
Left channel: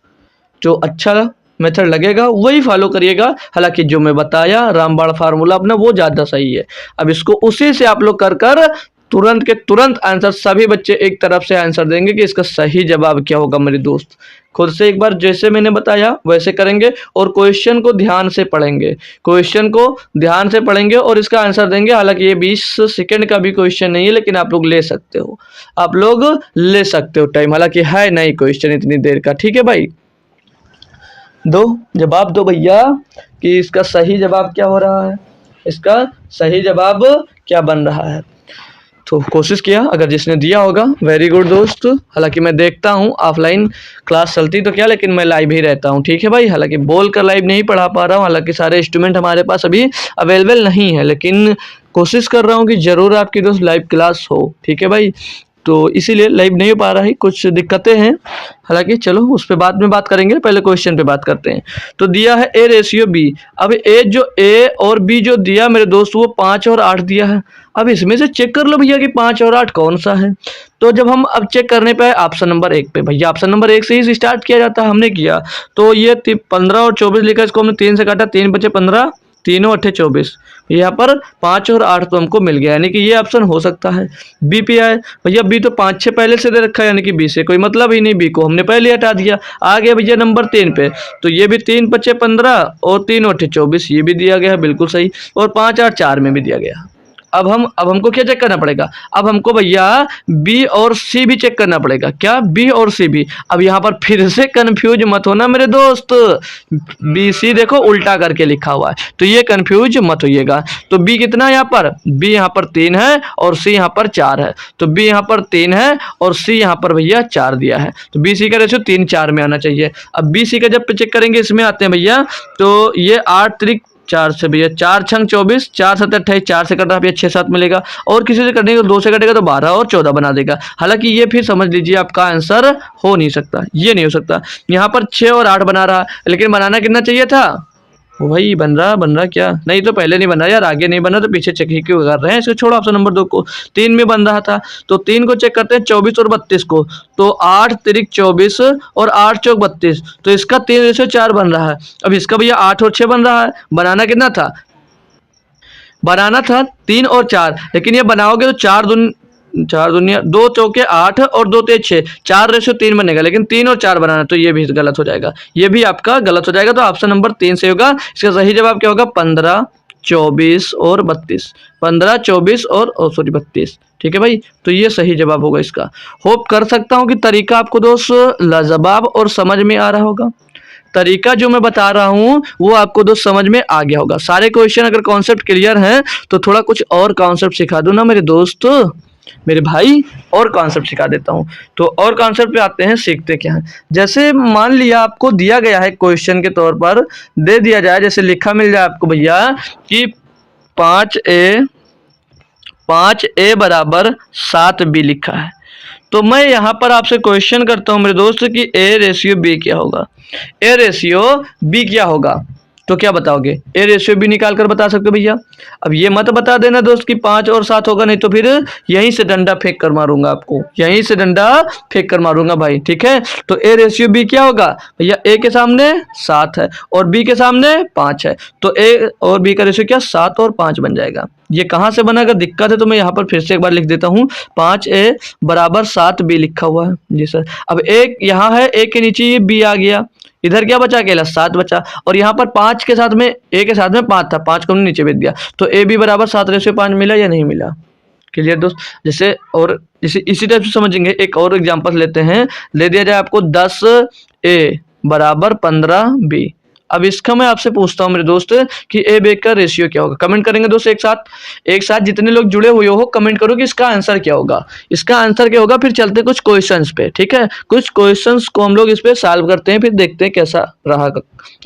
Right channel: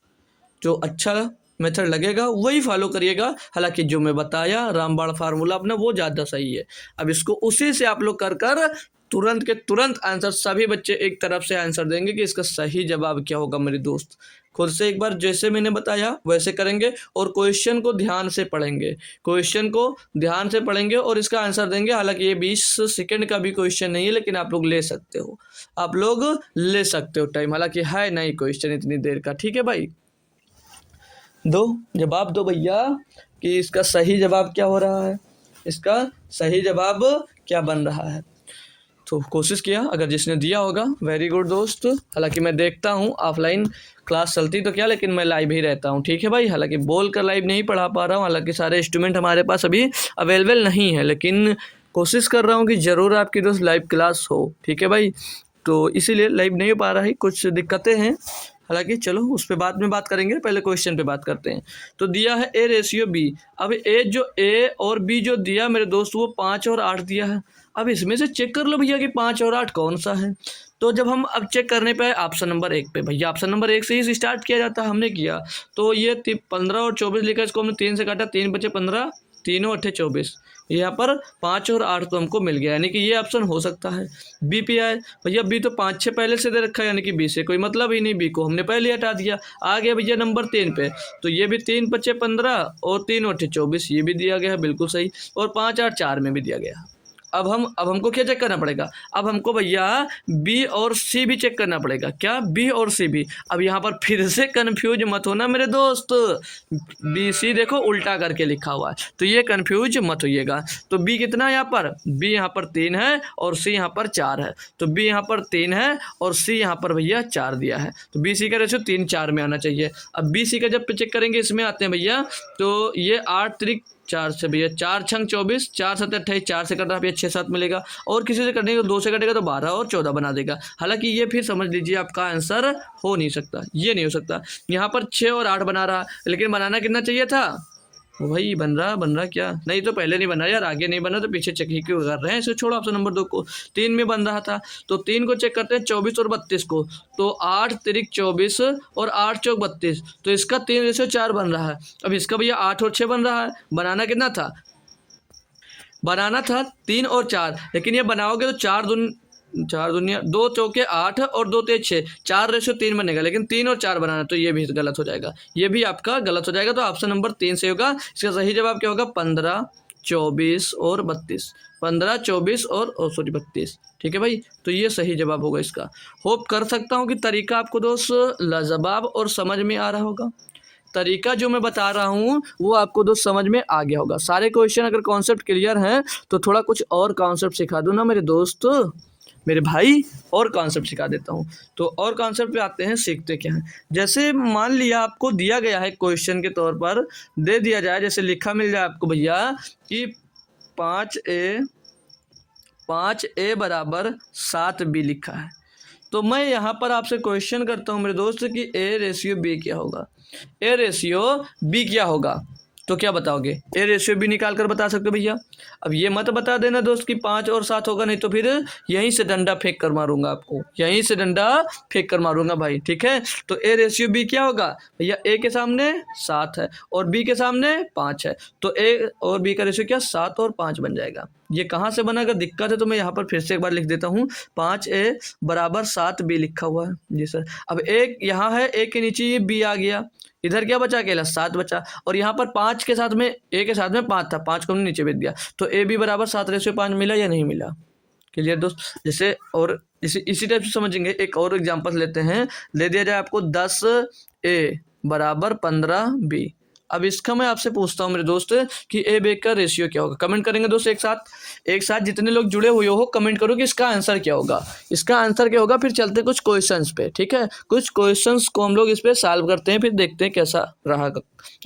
जो अच्छा मेथड लगेगा वही फॉलो करिएगा। हालांकि जो मैं बताया रामबाण फार्मूला अपना, वो ज़्यादा सही है। अब इसको उसी से आप लोग कर कर तुरंत के तुरंत आंसर, सभी बच्चे एक तरफ से आंसर देंगे कि इसका सही जवाब क्या होगा। मेरे दोस्त खुद से एक बार जैसे मैंने बताया वैसे करेंगे, और क्वेश्चन को ध्यान से पढ़ेंगे, क्वेश्चन को ध्यान से पढ़ेंगे और इसका आंसर देंगे। हालांकि ये 20 सेकंड का भी क्वेश्चन नहीं है, लेकिन आप लोग ले सकते हो, आप लोग ले सकते हो टाइम, हालांकि है नहीं क्वेश्चन इतनी देर का। ठीक है भाई, दो जवाब दो भैया कि इसका सही जवाब क्या हो रहा है, इसका सही जवाब क्या बन रहा है। तो कोशिश किया, अगर जिसने दिया होगा वेरी गुड दोस्त। हालांकि मैं देखता हूँ ऑफलाइन क्लास चलती तो क्या, लेकिन मैं लाइव ही रहता हूँ। ठीक है भाई, हालांकि बोल कर लाइव नहीं पढ़ा पा रहा हूँ, हालांकि सारे इंस्ट्रूमेंट हमारे पास अभी अवेलेबल नहीं है, लेकिन कोशिश कर रहा हूँ कि ज़रूर आपकी दोस्त लाइव क्लास हो। ठीक है भाई, तो इसीलिए लाइव नहीं हो पा रहा है, कुछ दिक्कतें हैं। हालांकि चलो उस पर बाद में बात करेंगे, पहले क्वेश्चन पे बात करते हैं। तो दिया है ए रेशियो बी। अब ए और बी जो दिया मेरे दोस्त, वो 5 और 8 दिया है। अब इसमें से चेक कर लो भैया कि 5 और 8 कौन सा है। तो जब हम अब चेक करने पे ऑप्शन नंबर 1 पे, भैया ऑप्शन नंबर 1 से ही स्टार्ट किया जाता है, हमने किया। तो ये 15 और 24 लिखा, इसको हमने 3 से काटा, 3 बचे 15, तीनों 8 24, यहाँ पर 5 और 8 तो हमको मिल गया, यानी कि ये ऑप्शन हो सकता है। बी पे आए भैया, बी तो 5 6 पहले से दे रखा है, यानी कि बी से कोई मतलब ही नहीं, बी को हमने पहले हटा दिया। आ गया भैया नंबर 3 पे, तो ये भी 3 5 15 और 3 8 24, ये भी दिया गया है बिल्कुल सही, और 5 8 4 में भी दिया गया। अब हमको क्या चेक करना पड़ेगा, अब हमको भैया बी और सी भी चेक करना पड़ेगा। क्या, बी और सी भी। अब यहाँ पर फिर से कंफ्यूज मत होना मेरे दोस्त, बी सी देखो उल्टा करके लिखा हुआ है, तो ये कंफ्यूज मत होइएगा। तो बी कितना है यहाँ पर, बी यहाँ पर 3 है और सी यहाँ पर 4 है, तो बी यहाँ पर 3 है और सी यहाँ पर भैया 4 दिया है, तो बी सी का रेशियो 3 4 में आना चाहिए। अब बी सी का जब चेक करेंगे, इसमें आते हैं भैया, तो ये 8 त्रिक 4 से भैया 4 छंग 24, 4 7 28, 4 से कट रहा भैया 6 7 मिलेगा, और किसी से कटेंगे तो 2 से कटेगा तो 12 और 14 बना देगा। हालांकि ये फिर समझ लीजिए आपका आंसर हो नहीं सकता, ये नहीं हो सकता। यहाँ पर 6 और 8 बना रहा, लेकिन बनाना कितना चाहिए था, वही बन रहा क्या, नहीं तो पहले नहीं बन रहा यार, आगे नहीं बना तो पीछे चेक ही क्यों कर रहे हैं, इसको छोड़ो ऑप्शन नंबर 2 को। 3 में बन रहा था, तो 3 को चेक करते हैं, 24 और 32 को, तो 8 तिरिक 24 और 8 चौक 32, तो इसका 3:4 बन रहा है। अब इसका भैया 8 और 6 बन रहा है, बनाना कितना था, बनाना था 3 और 4, लेकिन ये बनाओगे तो 4 दुनिया 2 चौके 8 और 2 तेज 6, 4:3 बनेगा, लेकिन 3 और 4 बनाना, तो ये भी गलत हो जाएगा, ये भी आपका गलत हो जाएगा। तो ऑप्शन नंबर 3 से होगा। इसका सही जवाब क्या होगा, 15 24 और 32, 15 24 और सॉरी 32, ठीक है भाई, तो ये सही जवाब होगा इसका। होप कर सकता हूँ कि तरीका आपको दोस्त लाजवाब और समझ में आ रहा होगा। तरीका जो मैं बता रहा हूँ वो आपको दोस्त समझ में आ गया होगा। सारे क्वेश्चन अगर कॉन्सेप्ट क्लियर हैं तो थोड़ा कुछ और कॉन्सेप्ट सिखा दो ना मेरे दोस्त, मेरे भाई, और कॉन्सेप्ट सिखा देता हूँ। तो और कॉन्सेप्ट पे आते हैं, सीखते क्या है। जैसे मान लिया आपको दिया गया है क्वेश्चन के तौर पर, दे दिया जाए, जैसे लिखा मिल जाए आपको भैया कि 5a बराबर 7b लिखा है, तो मैं यहाँ पर आपसे क्वेश्चन करता हूँ मेरे दोस्त कि a रेशियो b क्या होगा, a रेशियो b क्या होगा, तो क्या बताओगे, ए रेशियो भी निकाल कर बता सकते हो भैया। अब ये मत बता देना दोस्त कि 5 और 7 होगा, नहीं तो फिर यहीं से डंडा फेंक कर मारूंगा आपको, यहीं से डंडा फेंक कर मारूंगा भाई, ठीक है। तो ए रेशियो बी क्या होगा भैया, ए के सामने 7 है और बी के सामने 5 है, तो ए और बी का रेशियो क्या 7 और 5 बन जाएगा। ये कहाँ से बना, अगर दिक्कत है तो मैं यहाँ पर फिर से एक बार लिख देता हूँ, 5a बराबर 7b लिखा हुआ है जी सर। अब एक यहाँ है, ए के नीचे ये बी आ गया, इधर क्या बचा, अकेला 7 बचा, और यहाँ पर 5 के साथ में ए के साथ में 5 था, 5 को हमने नीचे भेज दिया, तो ए बी बराबर 7:5 मिला या नहीं मिला। क्लियर दोस्त। जैसे इसी टाइप से समझेंगे, एक और एग्जांपल लेते हैं। ले दिया जाए आपको 10a बराबर 15b। अब इसका मैं आपसे पूछता हूँ मेरे दोस्त कि ए बी का रेशियो क्या होगा। कमेंट करेंगे दोस्त एक साथ जितने लोग जुड़े हुए हो कमेंट करो कि इसका आंसर क्या होगा, इसका आंसर क्या होगा। फिर चलते कुछ क्वेश्चंस पे, ठीक है, कुछ क्वेश्चंस को हम लोग इस पे सॉल्व करते हैं, फिर देखते हैं कैसा रहा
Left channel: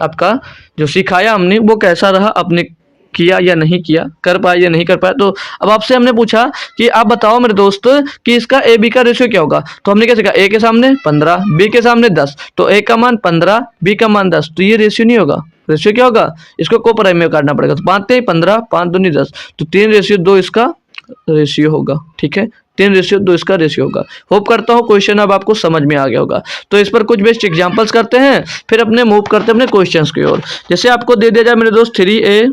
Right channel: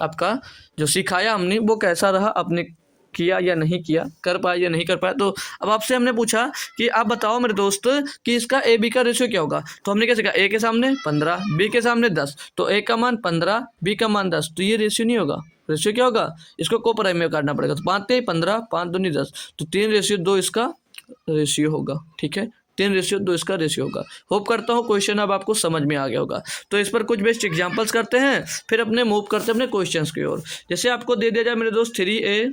आपका जो सिखाया हमने वो कैसा रहा, अपने किया या नहीं किया, कर पाया या नहीं कर पाया। तो अब आपसे हमने पूछा कि आप बताओ मेरे दोस्त कि इसका ए बी का रेशियो क्या होगा, तो हमने क्या सीखा, ए के सामने 15, बी के सामने 10, तो ए का मान 15, बी का मान 10, तो ये रेशियो नहीं होगा। रेशियो क्या होगा, इसको को प्राइम में काटना पड़ेगा, तो 5 15, 5 दूनी 10, तो 3:2 इसका रेशियो होगा, ठीक है, 3:2 इसका रेशियो होगा। होप करता हूँ क्वेश्चन अब आपको समझ में आ गया होगा। तो इस पर कुछ बेस्ट एग्जांपल्स करते हैं, फिर अपने मूव करते हैं अपने क्वेश्चंस की ओर। जैसे आपको दे दिया जाए मेरे दोस्त 3a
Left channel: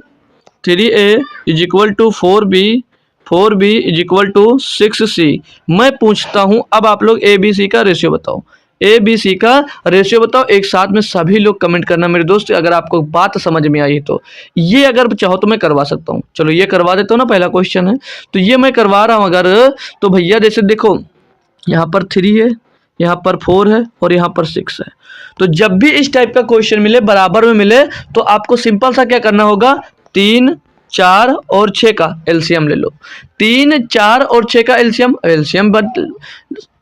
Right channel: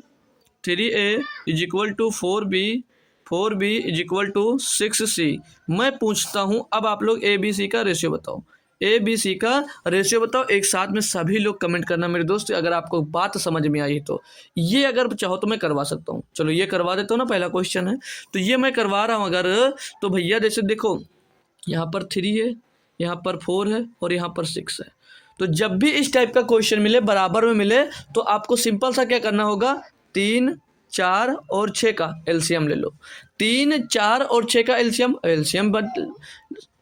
is equal to 4b is equal to 6c। मैं पूछता हूं अब आप लोग ए बी सी का रेशियो बताओ, ए बी सी का रेशियो बताओ। एक साथ में सभी लोग कमेंट करना मेरे दोस्त, अगर आपको बात समझ में आई तो। ये अगर चाहो तो मैं करवा सकता हूँ, चलो ये करवा देता हूँ ना, पहला क्वेश्चन है तो ये मैं करवा रहा हूँ अगर, तो भैया जैसे देखो यहाँ पर 3 है, यहाँ पर 4 है और यहाँ पर 6 है। तो जब भी इस टाइप का क्वेश्चन मिले, बराबर में मिले, तो आपको सिंपल सा क्या करना होगा, 3 4 और 6 का एलसीएम ले लो। 3 4 और 6 का एलसीएम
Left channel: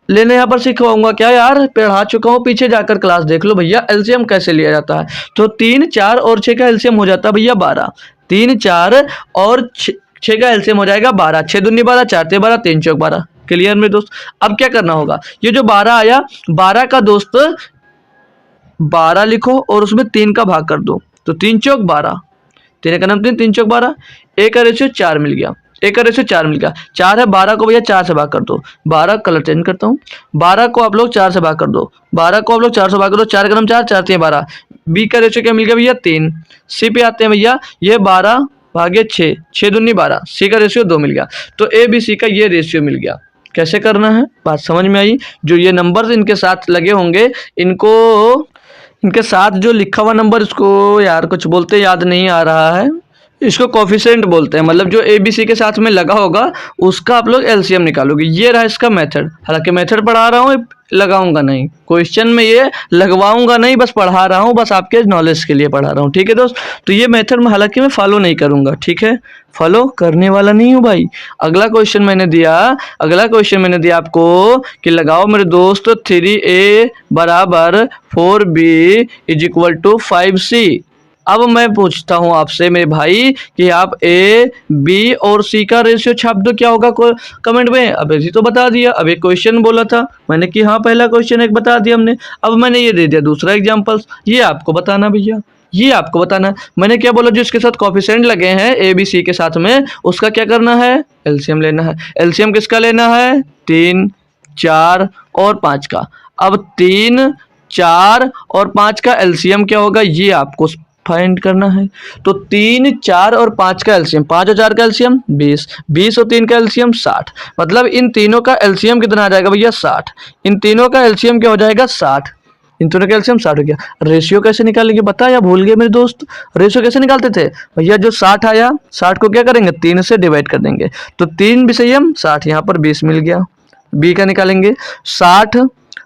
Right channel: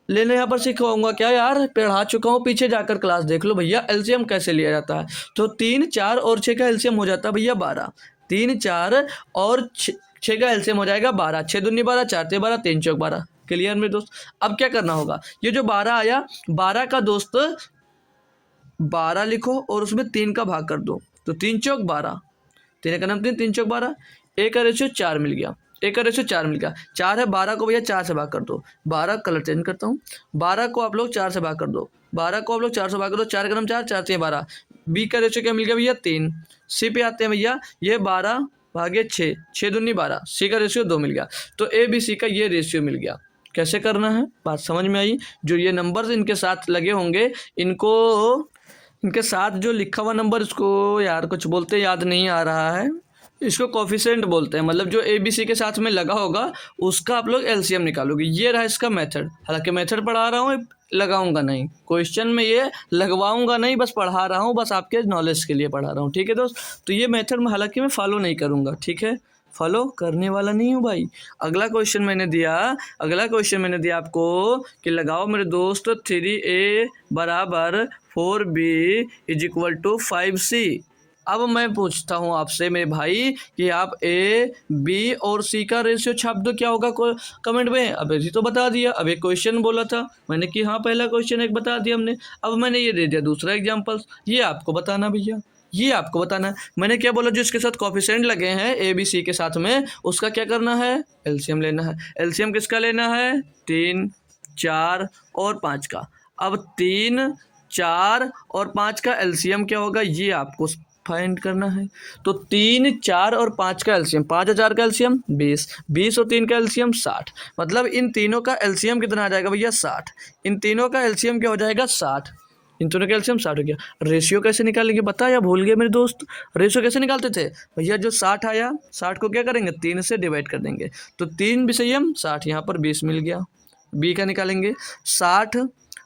लेने यहाँ पर सिखवाऊंगा क्या यार, पढ़ा चुका हूँ, पीछे जाकर क्लास देख लो भैया एलसीएम कैसे लिया जाता है। तो 3 4 और 6 का एलसीएम हो जाता है भैया 12, 3 4 और 6 का एलसीएम हो जाएगा 12, 6 दूनी 12, 4 ते 12, 3 चौक 12। क्लियर मेरे दोस्त। अब क्या करना होगा, ये जो 12 आया, 12 का दोस्त 12 लिखो और उसमें 3 का भाग कर दो, तो 3 चौक 12, 3 का नाम 3, 3 चौक 12, ए का रेशियो 4 मिल गया, ए का रेशियो 4 मिल गया। 4 है, 12 को भैया 4 से भाग कर दो, 12 कलर चेंज करता हूँ, 12 को आप लोग 4 से भाग कर दो, 12 को आप लोग 4 से भाग कर दो, 4 का नाम 4, 4 3 12। बी का रेशियो क्या मिल गया भैया 3। सी पे आते हैं भैया, ये 12 भागे 6, 6 दूनी 12, सी का रेशियो 2 मिल गया। तो ए बी सी का ये रेशियो मिल गया। कैसे करना है, बात समझ में आई। जो ये नंबर्स इनके साथ लगे होंगे, इनको इनके साथ जो लिखा हुआ नंबर, इसको यार कुछ बोलते याद नहीं आ रहा है, इसको कोफिशिएंट बोलते हैं। मतलब जो ए बी सी के साथ में लगा होगा उसका आप लोग एलसीएम निकालोगे। ये रहा इसका मेथड। हालांकि मेथड पढ़ा रहा हूँ, लगाऊंगा नहीं क्वेश्चन में, ये लगवाऊंगा नहीं, बस पढ़ा रहा हूँ, बस आपके नॉलेज के लिए पढ़ा रहा हूँ। ठीक है दोस्त, तो ये मेथड में हालांकि मैं फॉलो नहीं करूंगा। ठीक है, फॉलो करने वाला नहीं हूँ भाई। अगला क्वेश्चन मैंने दिया आपको कि लगाओ मेरे दोस्त 3a बराबर 4b is equal to 5c। अब मैं पूछता हूं आपसे मेरे भाई कि आप ए बी और सी का रेशियो छाप दो, क्या होगा कमेंट में। अब ऐसी तो बता दिया। अब एक क्वेश्चन बोला था मैंने कि हाँ पहला क्वेश्चन एक बता दिया हमने। अब मैंने ये दे दिया दूसरा एग्जांपल, ये आपको बताना भैया, ये आपको बताना। मैंने क्या बोला, जो इसके साथ कोफिशिएंट लगे हैं ए बी सी के साथ में, उसका क्या करना है, एलसीएम लेना है। एलसीएम किसका लेना है, 3, 4 और 5 का। अब 3, 4 और 5 का एलसीएम क्या होगा, ये आपको फाइंड करना है। तो 3, 4 और 5 का एलसीएम, 5 और 4 का एलसीएम 20, 20 और 3 का एलसीएम 60। मतलब इन तीनों का एलसीएम कितना आ जाएगा भैया, 60। इन तीनों का एलसीएम क्या हो जाएगा, 60। इन दोनों का एलसीएम 60 हो गया। रेशियो कैसे निकालेंगे बता, या भूल गए मेरे दोस्त। रेशियो कैसे निकालते थे भैया, जो 60 आया 60 को क्या करेंगे, 3 से डिवाइड कर देंगे। तो 3 विषयम 60, यहाँ पर 20 मिल गया। बी का निकालेंगे 60,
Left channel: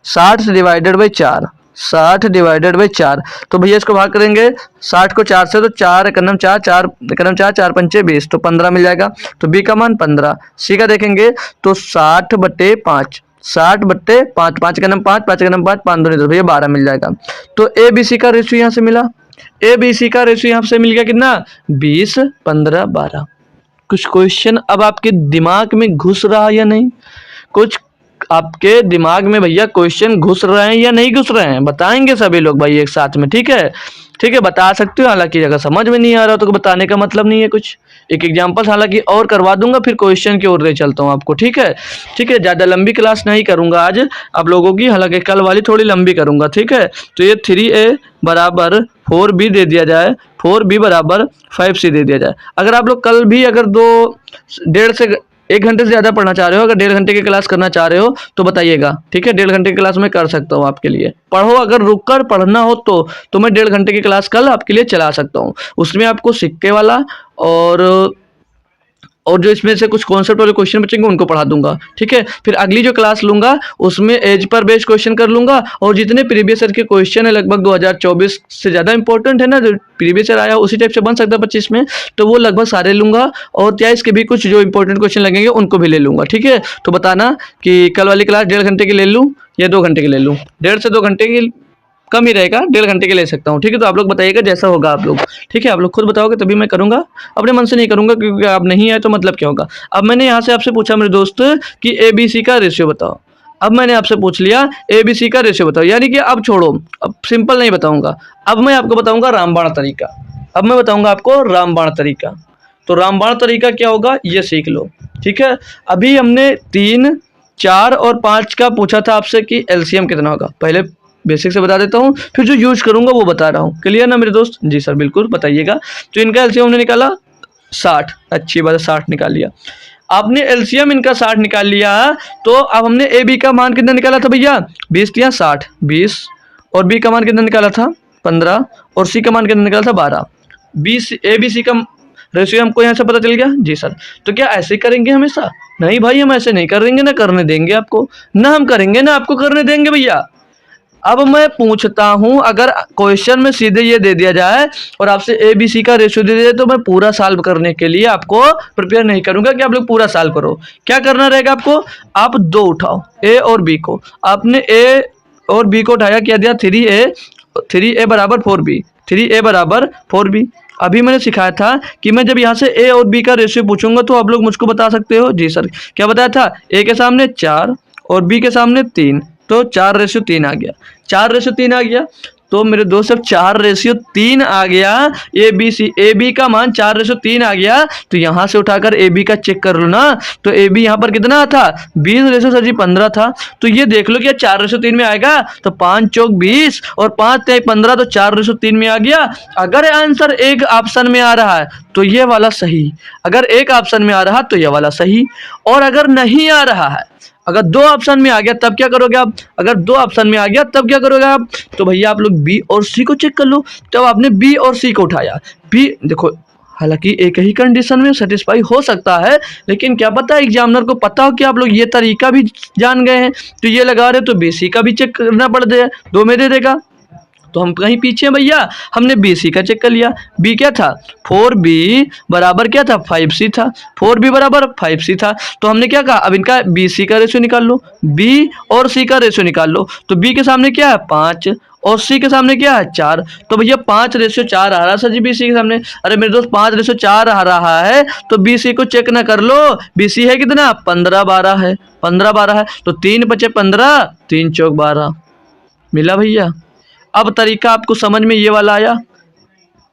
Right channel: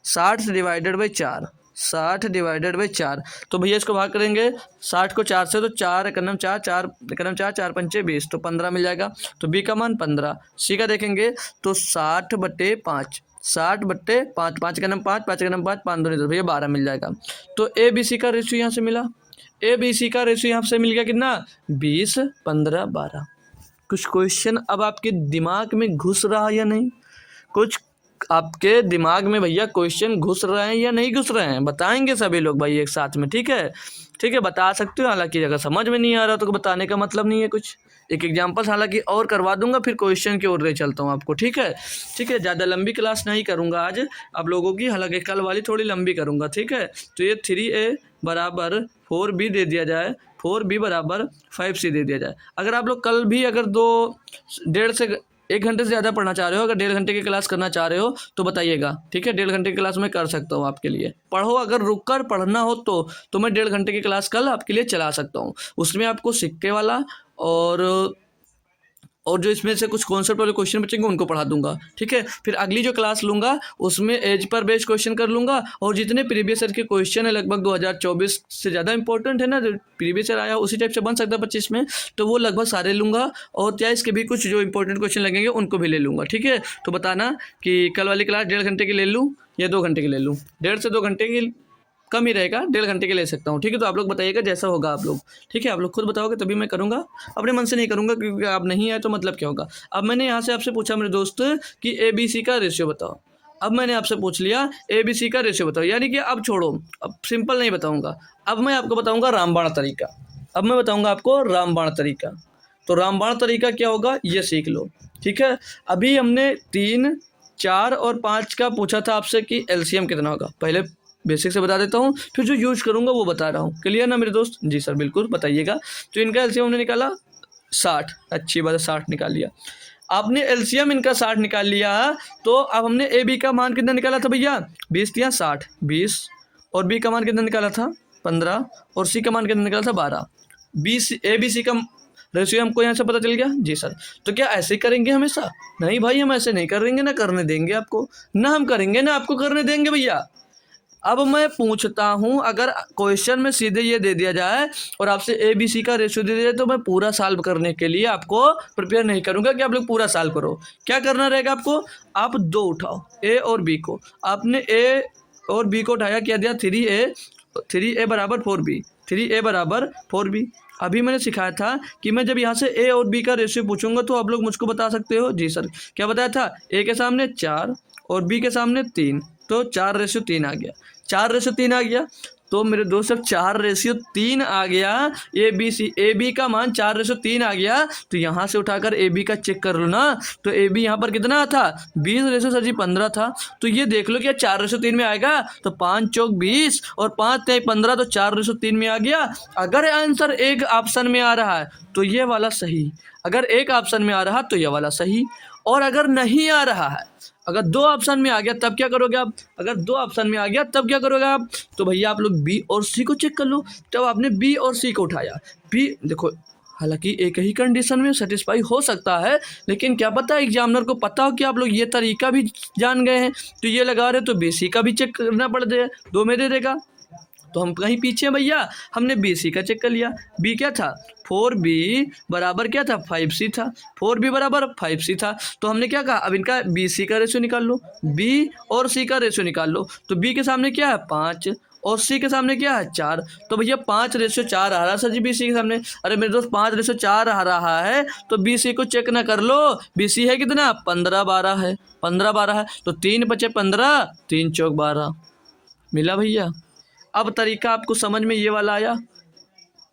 60 से डिवाइडेड बाई 4, 60 डिवाइडेड बाई 4। तो भैया इसको भाग करेंगे 60 को 4 से, तो 4 एकनम 4, 4 एकनम 4, 4 पंचे 20, तो 15 मिल जाएगा। तो बी का मान 15। सी का देखेंगे तो 60/5, 60/5, 5 एकनम 5, 5 एकनम 5, 5 दूनी 10, भैया 12 मिल जाएगा। तो ए बी सी का रेशियो यहाँ से मिला, ए बी सी का रेशियो यहाँ से मिल गया कितना, 20, 15, 12। कुछ क्वेश्चन अब आपके दिमाग में घुस रहा या नहीं, कुछ आपके दिमाग में भैया क्वेश्चन घुस रहे हैं या नहीं घुस रहे हैं, बताएंगे सभी लोग भाई एक साथ में। ठीक है, ठीक है, बता सकते हो। हालांकि अगर समझ में नहीं आ रहा तो बताने का मतलब नहीं है कुछ। एक एग्जांपल हालांकि और करवा दूंगा, फिर क्वेश्चन की ओर ले चलता हूँ आपको। ठीक है, ठीक है, ज़्यादा लंबी क्लास नहीं करूंगा आज आप लोगों की, हालांकि कल वाली थोड़ी लंबी करूंगा। ठीक है, तो ये 3a बराबर 4b दे दिया जाए, 4b बराबर 5c दे दिया जाए। अगर आप लोग कल भी अगर 1.5 से 1 घंटे से ज़्यादा पढ़ना चाह रहे हो, अगर 1.5 घंटे की क्लास करना चाह रहे हो तो बताइएगा। ठीक है, 1.5 घंटे की क्लास मैं कर सकता हूँ आपके लिए। पढ़ो, अगर रुक कर पढ़ना हो तो मैं 1.5 घंटे की क्लास कल आपके लिए चला सकता हूँ। उसमें आपको सिक्के वाला और जो इसमें से कुछ कॉन्सेप्ट वाले क्वेश्चन बचेंगे उनको पढ़ा दूंगा। ठीक है, फिर अगली जो क्लास लूंगा उसमें एज पर बेस्ड क्वेश्चन कर लूंगा, और जितने प्रीवियस ईयर के क्वेश्चन है लगभग 2024 से ज़्यादा इंपॉर्टेंट है ना, जो प्रीवियस ईयर आया उसी टाइप से बन सकता है 25 में, तो वो लगभग सारे लूंगा। और 23 के भी कुछ जो इंपॉर्टेंट क्वेश्चन लगेंगे उनको भी ले लूंगा। ठीक है, तो बताना कि कल वाली क्लास 1.5 घंटे की ले लूँ या 2 घंटे की ले लूँ। 1.5 से 2 घंटे की कम ही रहेगा, 1.5 घंटे के ले सकता हूँ। ठीक है, तो आप लोग बताइएगा जैसा होगा आप लोग। ठीक है, आप लोग खुद बताओगे तभी मैं करूँगा, अपने मन से नहीं करूँगा, क्योंकि आप नहीं आए तो मतलब क्या होगा। अब मैंने यहाँ से आपसे पूछा मेरे दोस्त कि ए बी सी का रेशियो बताओ। अब मैंने आपसे पूछ लिया ए बी सी का रेशियो बताओ, यानी कि अब छोड़ो, अब सिंपल नहीं बताऊँगा, अब मैं आपको बताऊँगा रामबाण तरीका। अब मैं बताऊँगा आपको रामबाण तरीका। तो रामबाण तरीका क्या होगा ये सीख लो। ठीक है, अभी हमने 3, 4 और 5 का पूछा था आपसे कि एलसीएम कितना होगा। पहले बेसिक से बता देता हूँ, फिर जो यूज करूंगा वो बता रहा हूँ। क्लियर ना मेरे दोस्त, जी सर बिल्कुल बताइएगा। तो इनका एलसीएम हमने निकाला 60, अच्छी बात है 60 निकाल लिया। आपने एलसीएम इनका 60 निकाल लिया, तो अब हमने ए बी का मान कितना निकाला था भैया, 20 दिया 60, 20, और बी का मान कितना निकाला था 15, और सी का मान कितना निकाला था 12। 20 ए बी सी का रेशियो हमको यहाँ से पता चल गया। जी सर, तो क्या ऐसे करेंगे हमेशा, नहीं भाई हम ऐसे नहीं करेंगे, ना करने देंगे आपको, ना हम करेंगे ना आपको करने देंगे भैया। अब मैं पूछता हूं, अगर क्वेश्चन में सीधे ये दे दिया जाए और आपसे ए बी सी का रेशियो दे दिया जाए, तो मैं पूरा सॉल्व करने के लिए आपको प्रिपेयर नहीं करूंगा कि आप लोग पूरा सॉल्व करो। क्या करना रहेगा आपको, आप 2 उठाओ, ए और बी को। आपने ए और बी को उठाया, क्या दिया 3a बराबर 4b, 3a बराबर 4b। अभी मैंने सिखाया था कि मैं जब यहाँ से ए और बी का रेशियो पूछूंगा तो आप लोग मुझको बता सकते हो। जी सर, क्या बताया था, ए के सामने 4 और बी के सामने 3, तो 4:3 आ गया, 4:3 आ गया। तो मेरे दोस्त जब 4:3 आ गया, ए बी का मान 4:3 आ गया, तो यहाँ से उठाकर ए बी का चेक कर लो ना। तो ए बी यहाँ पर कितना था, 20 सर जी 15 था। तो ये देख लो कि 4:3 में आएगा, तो 5 चौक 20 और 5 तिहाई 15, तो 4:3 में आ गया। अगर आंसर एक ऑप्शन में आ रहा है तो ये वाला सही, अगर एक ऑप्शन में आ रहा तो ये वाला सही, और अगर नहीं आ रहा है, अगर दो ऑप्शन में आ गया तब क्या करोगे आप, अगर दो ऑप्शन में आ गया तब क्या करोगे आप, तो भैया आप लोग बी और सी को चेक कर लो। तब आपने बी और सी को उठाया, बी देखो, हालांकि एक ही कंडीशन में सेटिस्फाई हो सकता है, लेकिन क्या पता एग्जामिनर को पता हो कि आप लोग ये तरीका भी जान गए हैं, तो ये लगा रहे तो बी सी का भी चेक करना पड़ जाए, दो में दे देगा। तो हम कहीं पीछे हैं भैया, हमने बी सी का चेक कर लिया। बी क्या था, 4b बराबर क्या था, 5c था। 4b बराबर 5c था, तो हमने क्या कहा, अब इनका बी सी का रेशियो निकाल लो, बी और सी का रेशियो निकाल लो। तो बी के सामने क्या है 5 और सी के सामने क्या है 4, तो भैया 5:4 आ रहा है सर जी बी सी के सामने। अरे मेरे दोस्त 5:4 आ रहा है, तो बी सी को चेक ना कर लो, बी सी है कितना 15-12 है, 15-12 है, तो 3 × 5 = 15, 3 चौक 12 मिला भैया। अब तरीका आपको समझ में ये वाला आया,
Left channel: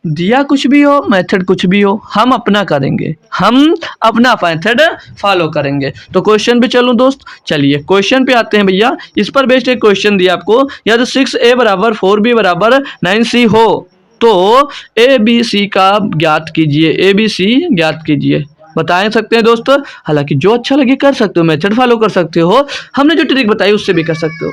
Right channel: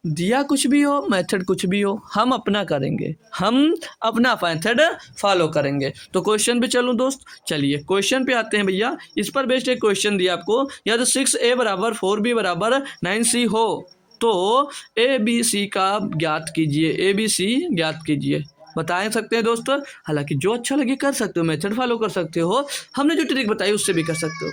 दिया कुछ भी हो, मेथड कुछ भी हो, हम अपना करेंगे, हम अपना मेथड फॉलो करेंगे। तो क्वेश्चन पे चलूं दोस्त, चलिए क्वेश्चन पे आते हैं भैया। इस पर बेस्ड एक क्वेश्चन दिया आपको, यदि 6a = 4b = 9c हो तो ए बी सी का ज्ञात कीजिए, ए बी सी ज्ञात कीजिए। बता सकते हैं दोस्त, हालांकि जो अच्छा लगे कर सकते हो, मेथड फॉलो कर सकते हो, हमने जो ट्रिक बताई उससे भी कर सकते हो।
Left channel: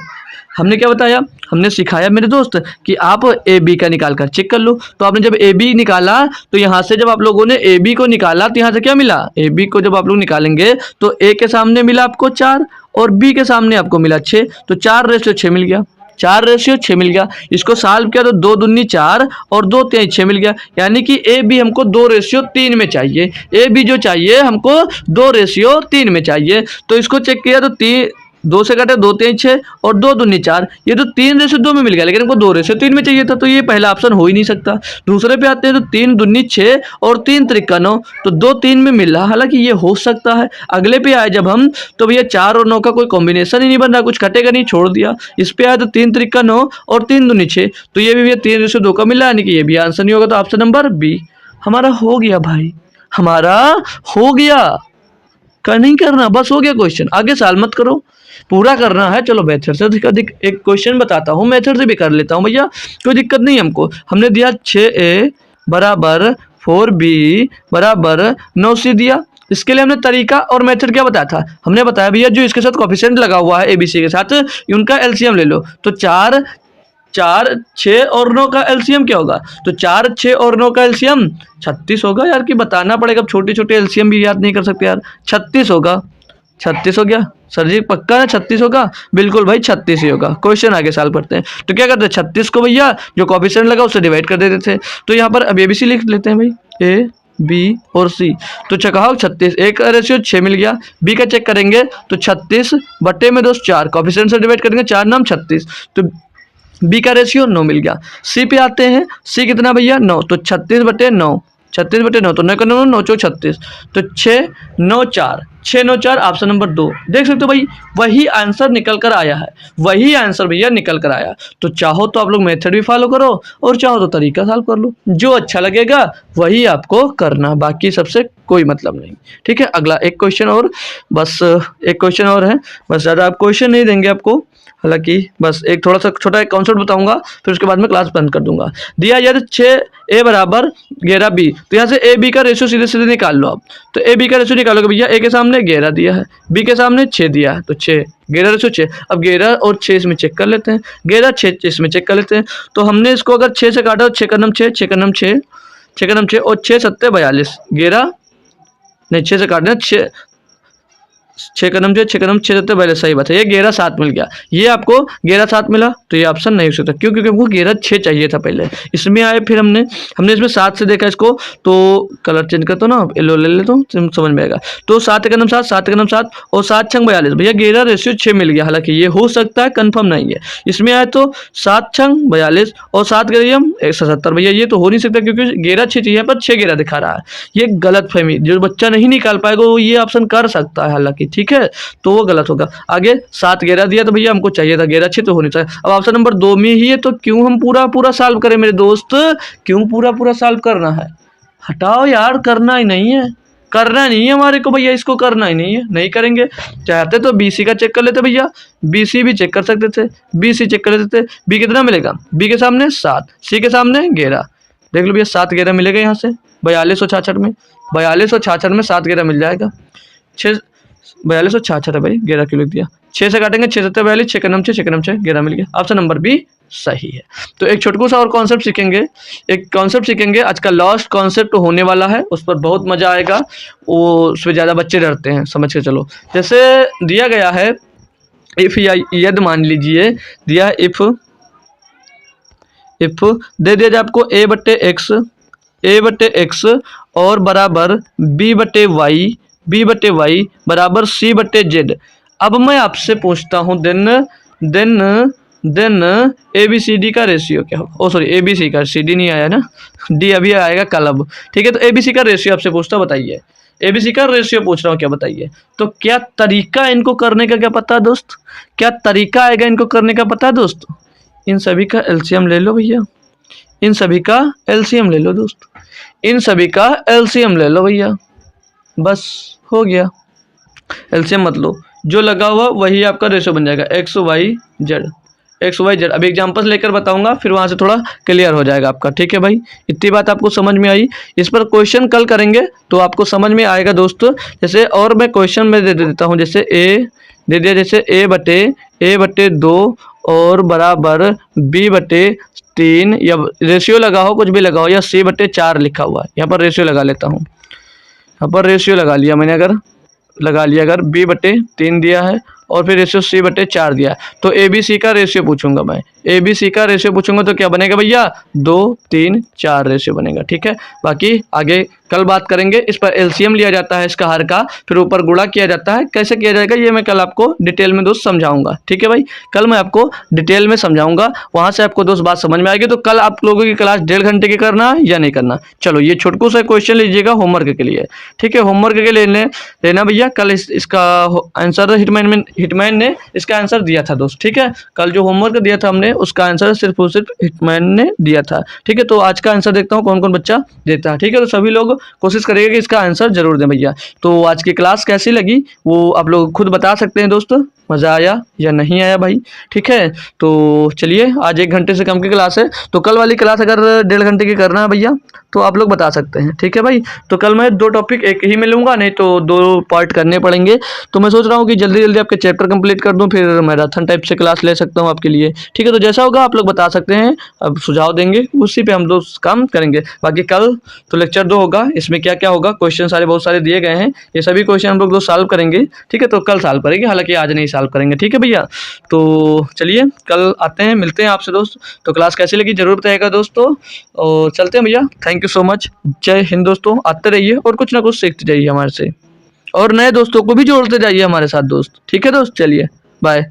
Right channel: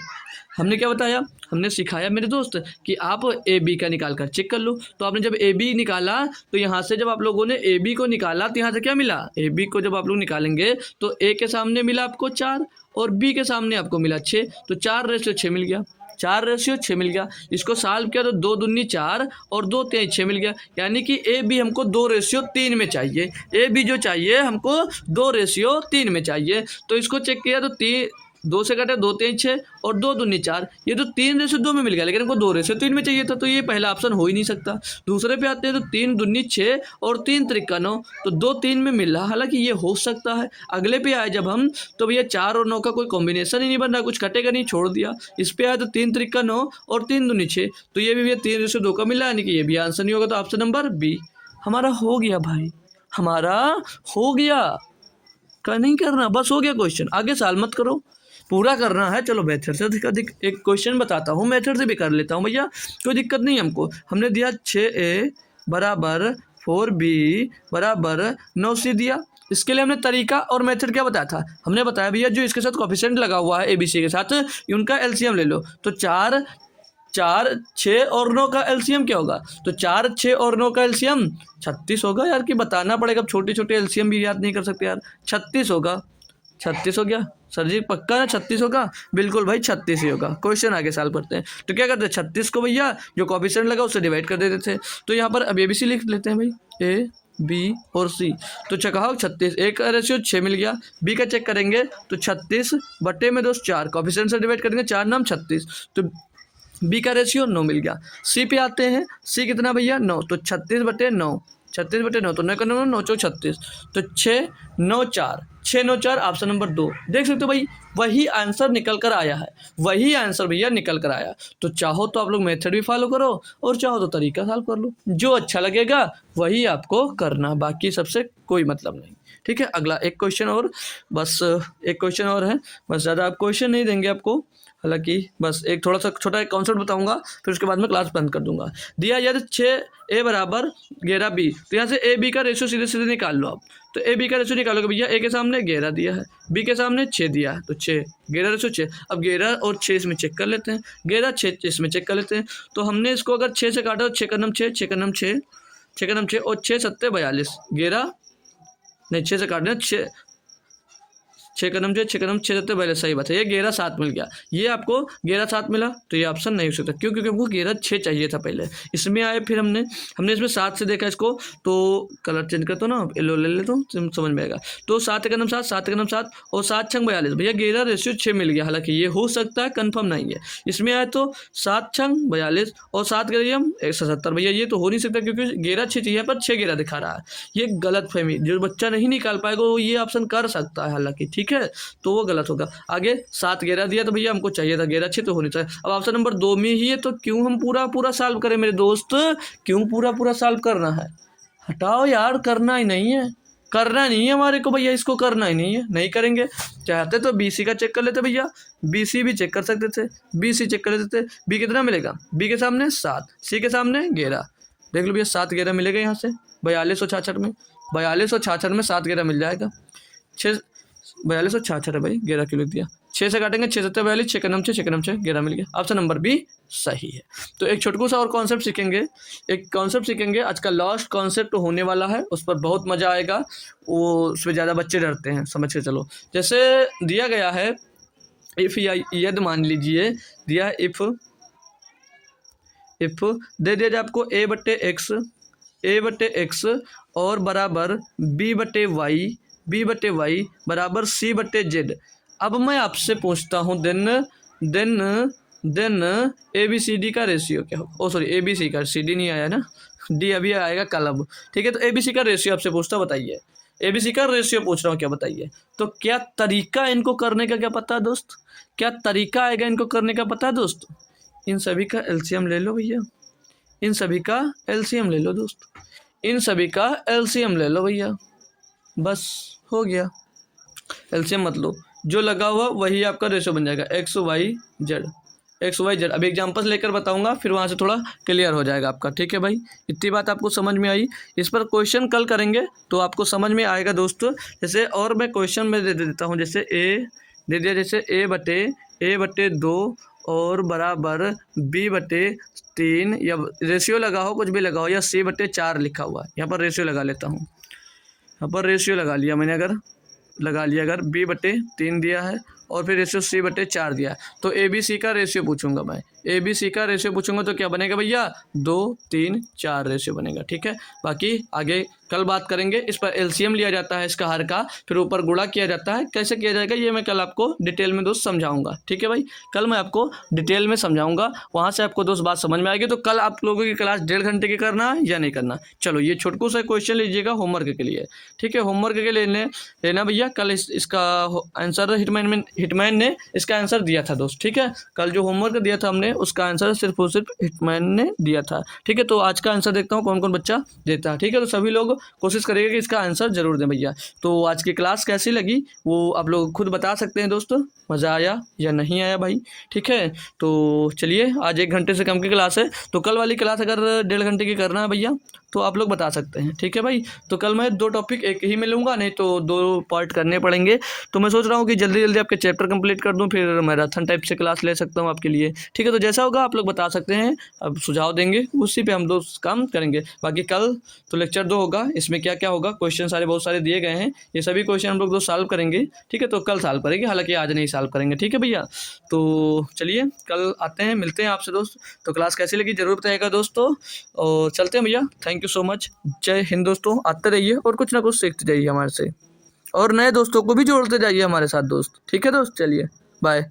हमने क्या बताया, हमने सिखाया मेरे दोस्त कि आप ए बी का निकाल कर चेक कर लो। तो आपने जब ए बी निकाला, तो यहाँ से जब आप लोगों ने ए बी को निकाला, तो यहाँ से क्या मिला, ए बी को जब आप लोग निकालेंगे तो ए के सामने मिला आपको 4 और बी के सामने आपको मिला 6, तो 4:6 मिल गया, 4:6 मिल गया। इसको सॉल्व किया तो 2 दूनी 4 और 2 तिहाई 6 मिल गया, यानी कि ए बी हमको 2:3 में चाहिए, ए बी जो चाहिए हमको 2:3 में चाहिए। तो इसको चेक किया तो 2 से काटे 2 तिहाई 6 और 2 दूनी 4, ये तो 3:2 में मिल गया, लेकिन हमको 2:3 में चाहिए था, तो ये पहला ऑप्शन हो ही नहीं सकता। दूसरे पे आते हैं तो 3 दूनी 6 और 3 त्रिका 9, तो 2 3 में मिल रहा, हालांकि ये हो सकता है। अगले पे आए जब हम, तो भैया 4 और 9 का कोई कॉम्बिनेशन ही नहीं बन रहा, कुछ कटेगा नहीं, छोड़ दिया। इस पे आए तो 3 त्रिका 9 और 3 दूनी 6, तो ये भी भैया 3:2 का मिला, यानी कि ये भी आंसर नहीं होगा। तो ऑप्शन नंबर बी हमारा हो गया भाई, हमारा हो गया। नहीं करना, बस हो गया क्वेश्चन, आगे साल मत करो, पूरा करना है। चलो मेथड से अधिक एक क्वेश्चन बताता हूँ, मेथड से भी कर लेता हूँ भैया, कोई दिक्कत नहीं हमको। हमने दिया 6a = 4b = 9c दिया। इसके लिए हमने तरीका और मेथड क्या बताया था, हमने बताया भैया जो इसके साथ कोफिशिएंट लगा हुआ है एबीसी के साथ, उनका एलसीएम ले लो। तो 4 6 और 9 का एलसीएम क्या होगा, तो 4 6 और 9 का एलसीएम 36 होगा यार, कि बताना पड़ेगा, अब छोटे छोटे एलसीएम भी याद नहीं कर सकते यार। 36 होगा, 36 हो गया सर जी, पक्का है 36 होगा, बिल्कुल भाई 36 ही होगा। क्वेश्चन आगे साल पढ़ते हैं। तो क्या करते हैं, 36 को भैया जो कोफिशिएंट लगा उससे डिवाइड कर देते थे। तो यहाँ पर अब एबीसी लिख लेते हैं भाई, ए बी और सी। तो चकाओ 36, ए का रेशियो 6 मिल गया, बी का चेक करेंगे तो 36 बटे में दोस्त 4, कोफिशिएंट से डिवाइड करेंगे 4 नाम 36, तो बी का रेशियो 9 मिल गया। सी पे आते हैं, सी कितना भैया 9, तो 36 बटे 9, 36 बटे 9, तो 9 का 9 9 चौक 36, तो 6 9 4, 6 9 4 ऑप्शन नंबर 2। देख सकते हो भाई, वही आंसर निकल कर आया है, वही आंसर भैया निकल कर आया। तो चाहो तो आप लोग मेथड भी फॉलो करो और चाहो तो तरीका सॉल्व कर लो, जो अच्छा लगेगा वही आपको करना, बाकी सबसे कोई मतलब नहीं। ठीक है, अगला एक क्वेश्चन और, बस एक क्वेश्चन और है, बस ज़्यादा आप क्वेश्चन नहीं देंगे आपको, हालांकि बस एक थोड़ा सा छोटा एक कॉन्सेप्ट बताऊंगा, फिर उसके बाद में क्लास बंद कर दूंगा। दिया यदि 6a = 11b, तो यहाँ से ए बी का रेशियो सीधे सीधे निकाल लो आप। तो ए बी का रेशियो निकालोगे भैया, ए के सामने 11 दिया है, बी के सामने 6 दिया है, तो 6 11 रेशियो 6। अब 11 और 6 इसमें चेक कर लेते हैं, 11 6 इसमें चेक कर लेते हैं। तो हमने इसको अगर 6 से काटा तो 6 का नाम 6, 6 का नाम 6, 6 का नाम 6 और 6 7 42, 11 नहीं 6 से काटना 6 का नाम 6, 6 का नाम 6 7 42, सही बात है, ये 11 7 मिल गया। ये आपको 11 7 मिला, तो ये ऑप्शन नहीं हो सकता, क्यों, क्योंकि हमको 11 6 चाहिए था पहले, इसमें आए, फिर हमने इसमें 7 से देखा इसको, तो कलर चेंज करता हूँ ना, येलो ले लेता हूँ, समझ में आएगा। तो 7 का नाम 7, 7 का नाम 7 और 7 6 42, भैया 11 रेशियो 6 मिल गया, हालांकि ये हो सकता है, कंफर्म नहीं है। इसमें आए तो 7 6 42 और 7 का 170, भैया ये तो हो नहीं सकता, क्योंकि 11 6 चाहिए पर 6 11 दिखा रहा है, ये गलत फहमी, जो बच्चा नहीं निकाल पाएगा वो ये ऑप्शन कर सकता है, हालांकि ठीक है, तो वो गलत होगा। आगे 7 11 दिया तो भैया हमको चाहिए था 11 6 तो होनी चाहिए। अब ऑप्शन नंबर 2 में ही है तो क्यों हम पूरा पूरा सॉल्व करें मेरे दोस्त, क्यों पूरा पूरा सॉल्व करना है, हटाओ यार, करना ही नहीं है, करना नहीं है हमारे को भैया, इसको करना ही नहीं है, नहीं करेंगे। चाहते तो BC का चेक कर लेते भैया, BC भी चेक कर सकते थे, BC चेक कर लेते थे। बी कितना मिलेगा, बी के सामने 7, सी के सामने 11, देख लो भैया 7 11 मिलेगा यहाँ से 4266 में, 4266 में 7 11 मिल जाएगा। 4266 है भाई, 11 क्यों लिख दिया, 6 से काटेंगे 6 7 42, 6 6 6 6 11 मिल गया। ऑप्शन नंबर बी सही है। तो एक छोटकू सा और कॉन्सेप्ट सीखेंगे, एक कॉन्सेप्ट सीखेंगे आज का लास्ट कॉन्सेप्ट होने वाला है, उस पर बहुत मजा आएगा, वो उसमें ज़्यादा बच्चे डरते हैं, समझ के चलो। जैसे दिया गया है इफ़ या यदि, मान लीजिए दिया इफ़ दे दिया जाए आपको ए बटे एक्स और बराबर बी बटे वाई बराबर सी बटे जेड। अब मैं आपसे पूछता हूँ देन ABCD का रेशियो क्या होगा, ओ सॉरी ABC का, CD नहीं आया ना, D अभी आएगा कल अब, ठीक है। तो ABC का रेशियो आपसे पूछता, बताइए ABC का रेशियो पूछ रहा हूँ, क्या बताइए। तो क्या तरीका है इनको करने का, क्या पता है दोस्त, क्या तरीका आएगा इनको करने का पता है दोस्त। इन सभी का एलसीएम ले लो भैया, इन सभी का एलसीएम ले लो दोस्त, इन सभी का एलसीएम ले लो भैया, बस हो गया। एलसीएम मत लो, जो लगा हुआ वही आपका रेशियो बन जाएगा, एक्स वाई जेड। अभी एग्जाम्पल्स लेकर बताऊंगा, फिर वहाँ से थोड़ा क्लियर हो जाएगा आपका, ठीक है भाई। इतनी बात आपको समझ में आई, इस पर क्वेश्चन कल करेंगे तो आपको समझ में आएगा दोस्तों। जैसे और मैं क्वेश्चन में दे देता हूँ, जैसे ए दे दिया, जैसे ए बटे 2 और बराबर बी बटे 3, या रेशियो लगा हो, कुछ भी लगा हो, या सी बटे 4 लिखा हुआ है, यहाँ पर रेशियो लगा लेता हूँ, यहाँ पर रेशियो लगा लिया मैंने, अगर बी बटे 3 दिया है और फिर रेशियो सी बटे 4 दिया है, तो ABC का रेशियो पूछूंगा मैं, ABC का रेशियो पूछूंगा तो क्या बनेगा भैया, 2 3 4 रेशियो बनेगा, ठीक है। बाकी आगे कल बात करेंगे, इस पर एलसीएम लिया जाता है इसका हर का, फिर ऊपर गुणा किया जाता है, कैसे किया जाएगा ये मैं कल आपको डिटेल में दोस्त समझाऊंगा, ठीक है भाई। कल मैं आपको डिटेल में समझाऊंगा, वहां से आपको दोस्त बात समझ में आएगी। तो कल आप लोगों की क्लास 1.5 घंटे की करना है या नहीं करना, चलो ये छोटकू सा क्वेश्चन लीजिएगा होमवर्क के लिए, ठीक है, होमवर्क के लिए लेना भैया। कल इसका आंसर हिटमैन ने इसका आंसर दिया था दोस्त, ठीक है। कल जो होमवर्क दिया था हमने उसका आंसर सिर्फ और सिर्फ हिटमैन ने दिया था, ठीक है। तो आज का आंसर देखता हूँ कौन कौन बच्चा देता है, ठीक है। तो सभी लोग कोशिश करिएगा कि इसका आंसर जरूर दें भैया। तो आज की क्लास कैसी लगी वो आप लोग खुद बता सकते हैं दोस्तों, मज़ा आया या नहीं आया भाई, ठीक है। तो चलिए, आज 1 घंटे से कम की क्लास है, तो कल वाली क्लास अगर 1.5 घंटे की करना है भैया तो आप लोग बता सकते हैं, ठीक है भाई। तो कल मैं 2 टॉपिक एक ही में लूँगा, नहीं तो 2 पार्ट करने पड़ेंगे। तो मैं सोच रहा हूँ कि जल्दी जल्दी आपके चैप्टर कंप्लीट कर दूँ, फिर मैराथन टाइप से क्लास ले सकता हूँ आपके लिए, ठीक है। तो जैसा होगा आप लोग बता सकते हैं, अब सुझाव देंगे, उसी पे हम लोग काम करेंगे। बाकी कल तो लेक्चर 2 होगा, इसमें क्या क्या होगा, क्वेश्चन सारे बहुत सारे दिए गए हैं, ये सभी क्वेश्चन हम लोग सॉल्व करेंगे, ठीक है। तो कल सॉल्व करेंगे, हालांकि आज नहीं सॉल्व करेंगे, ठीक है भैया। तो चलिए कल आते हैं, मिलते हैं आपसे दोस्त। तो क्लास कैसी लगी जरूर बताइएगा दोस्तों, और चलते हैं भैया, थैंक यू सो मच, जय हिंद दोस्तों। आते रहिए और कुछ ना कुछ सीखते जाइए हमारे से, और नए दोस्तों को भी जोड़ते जाइए हमारे साथ दोस्त, ठीक है दोस्त। चलिए बाय।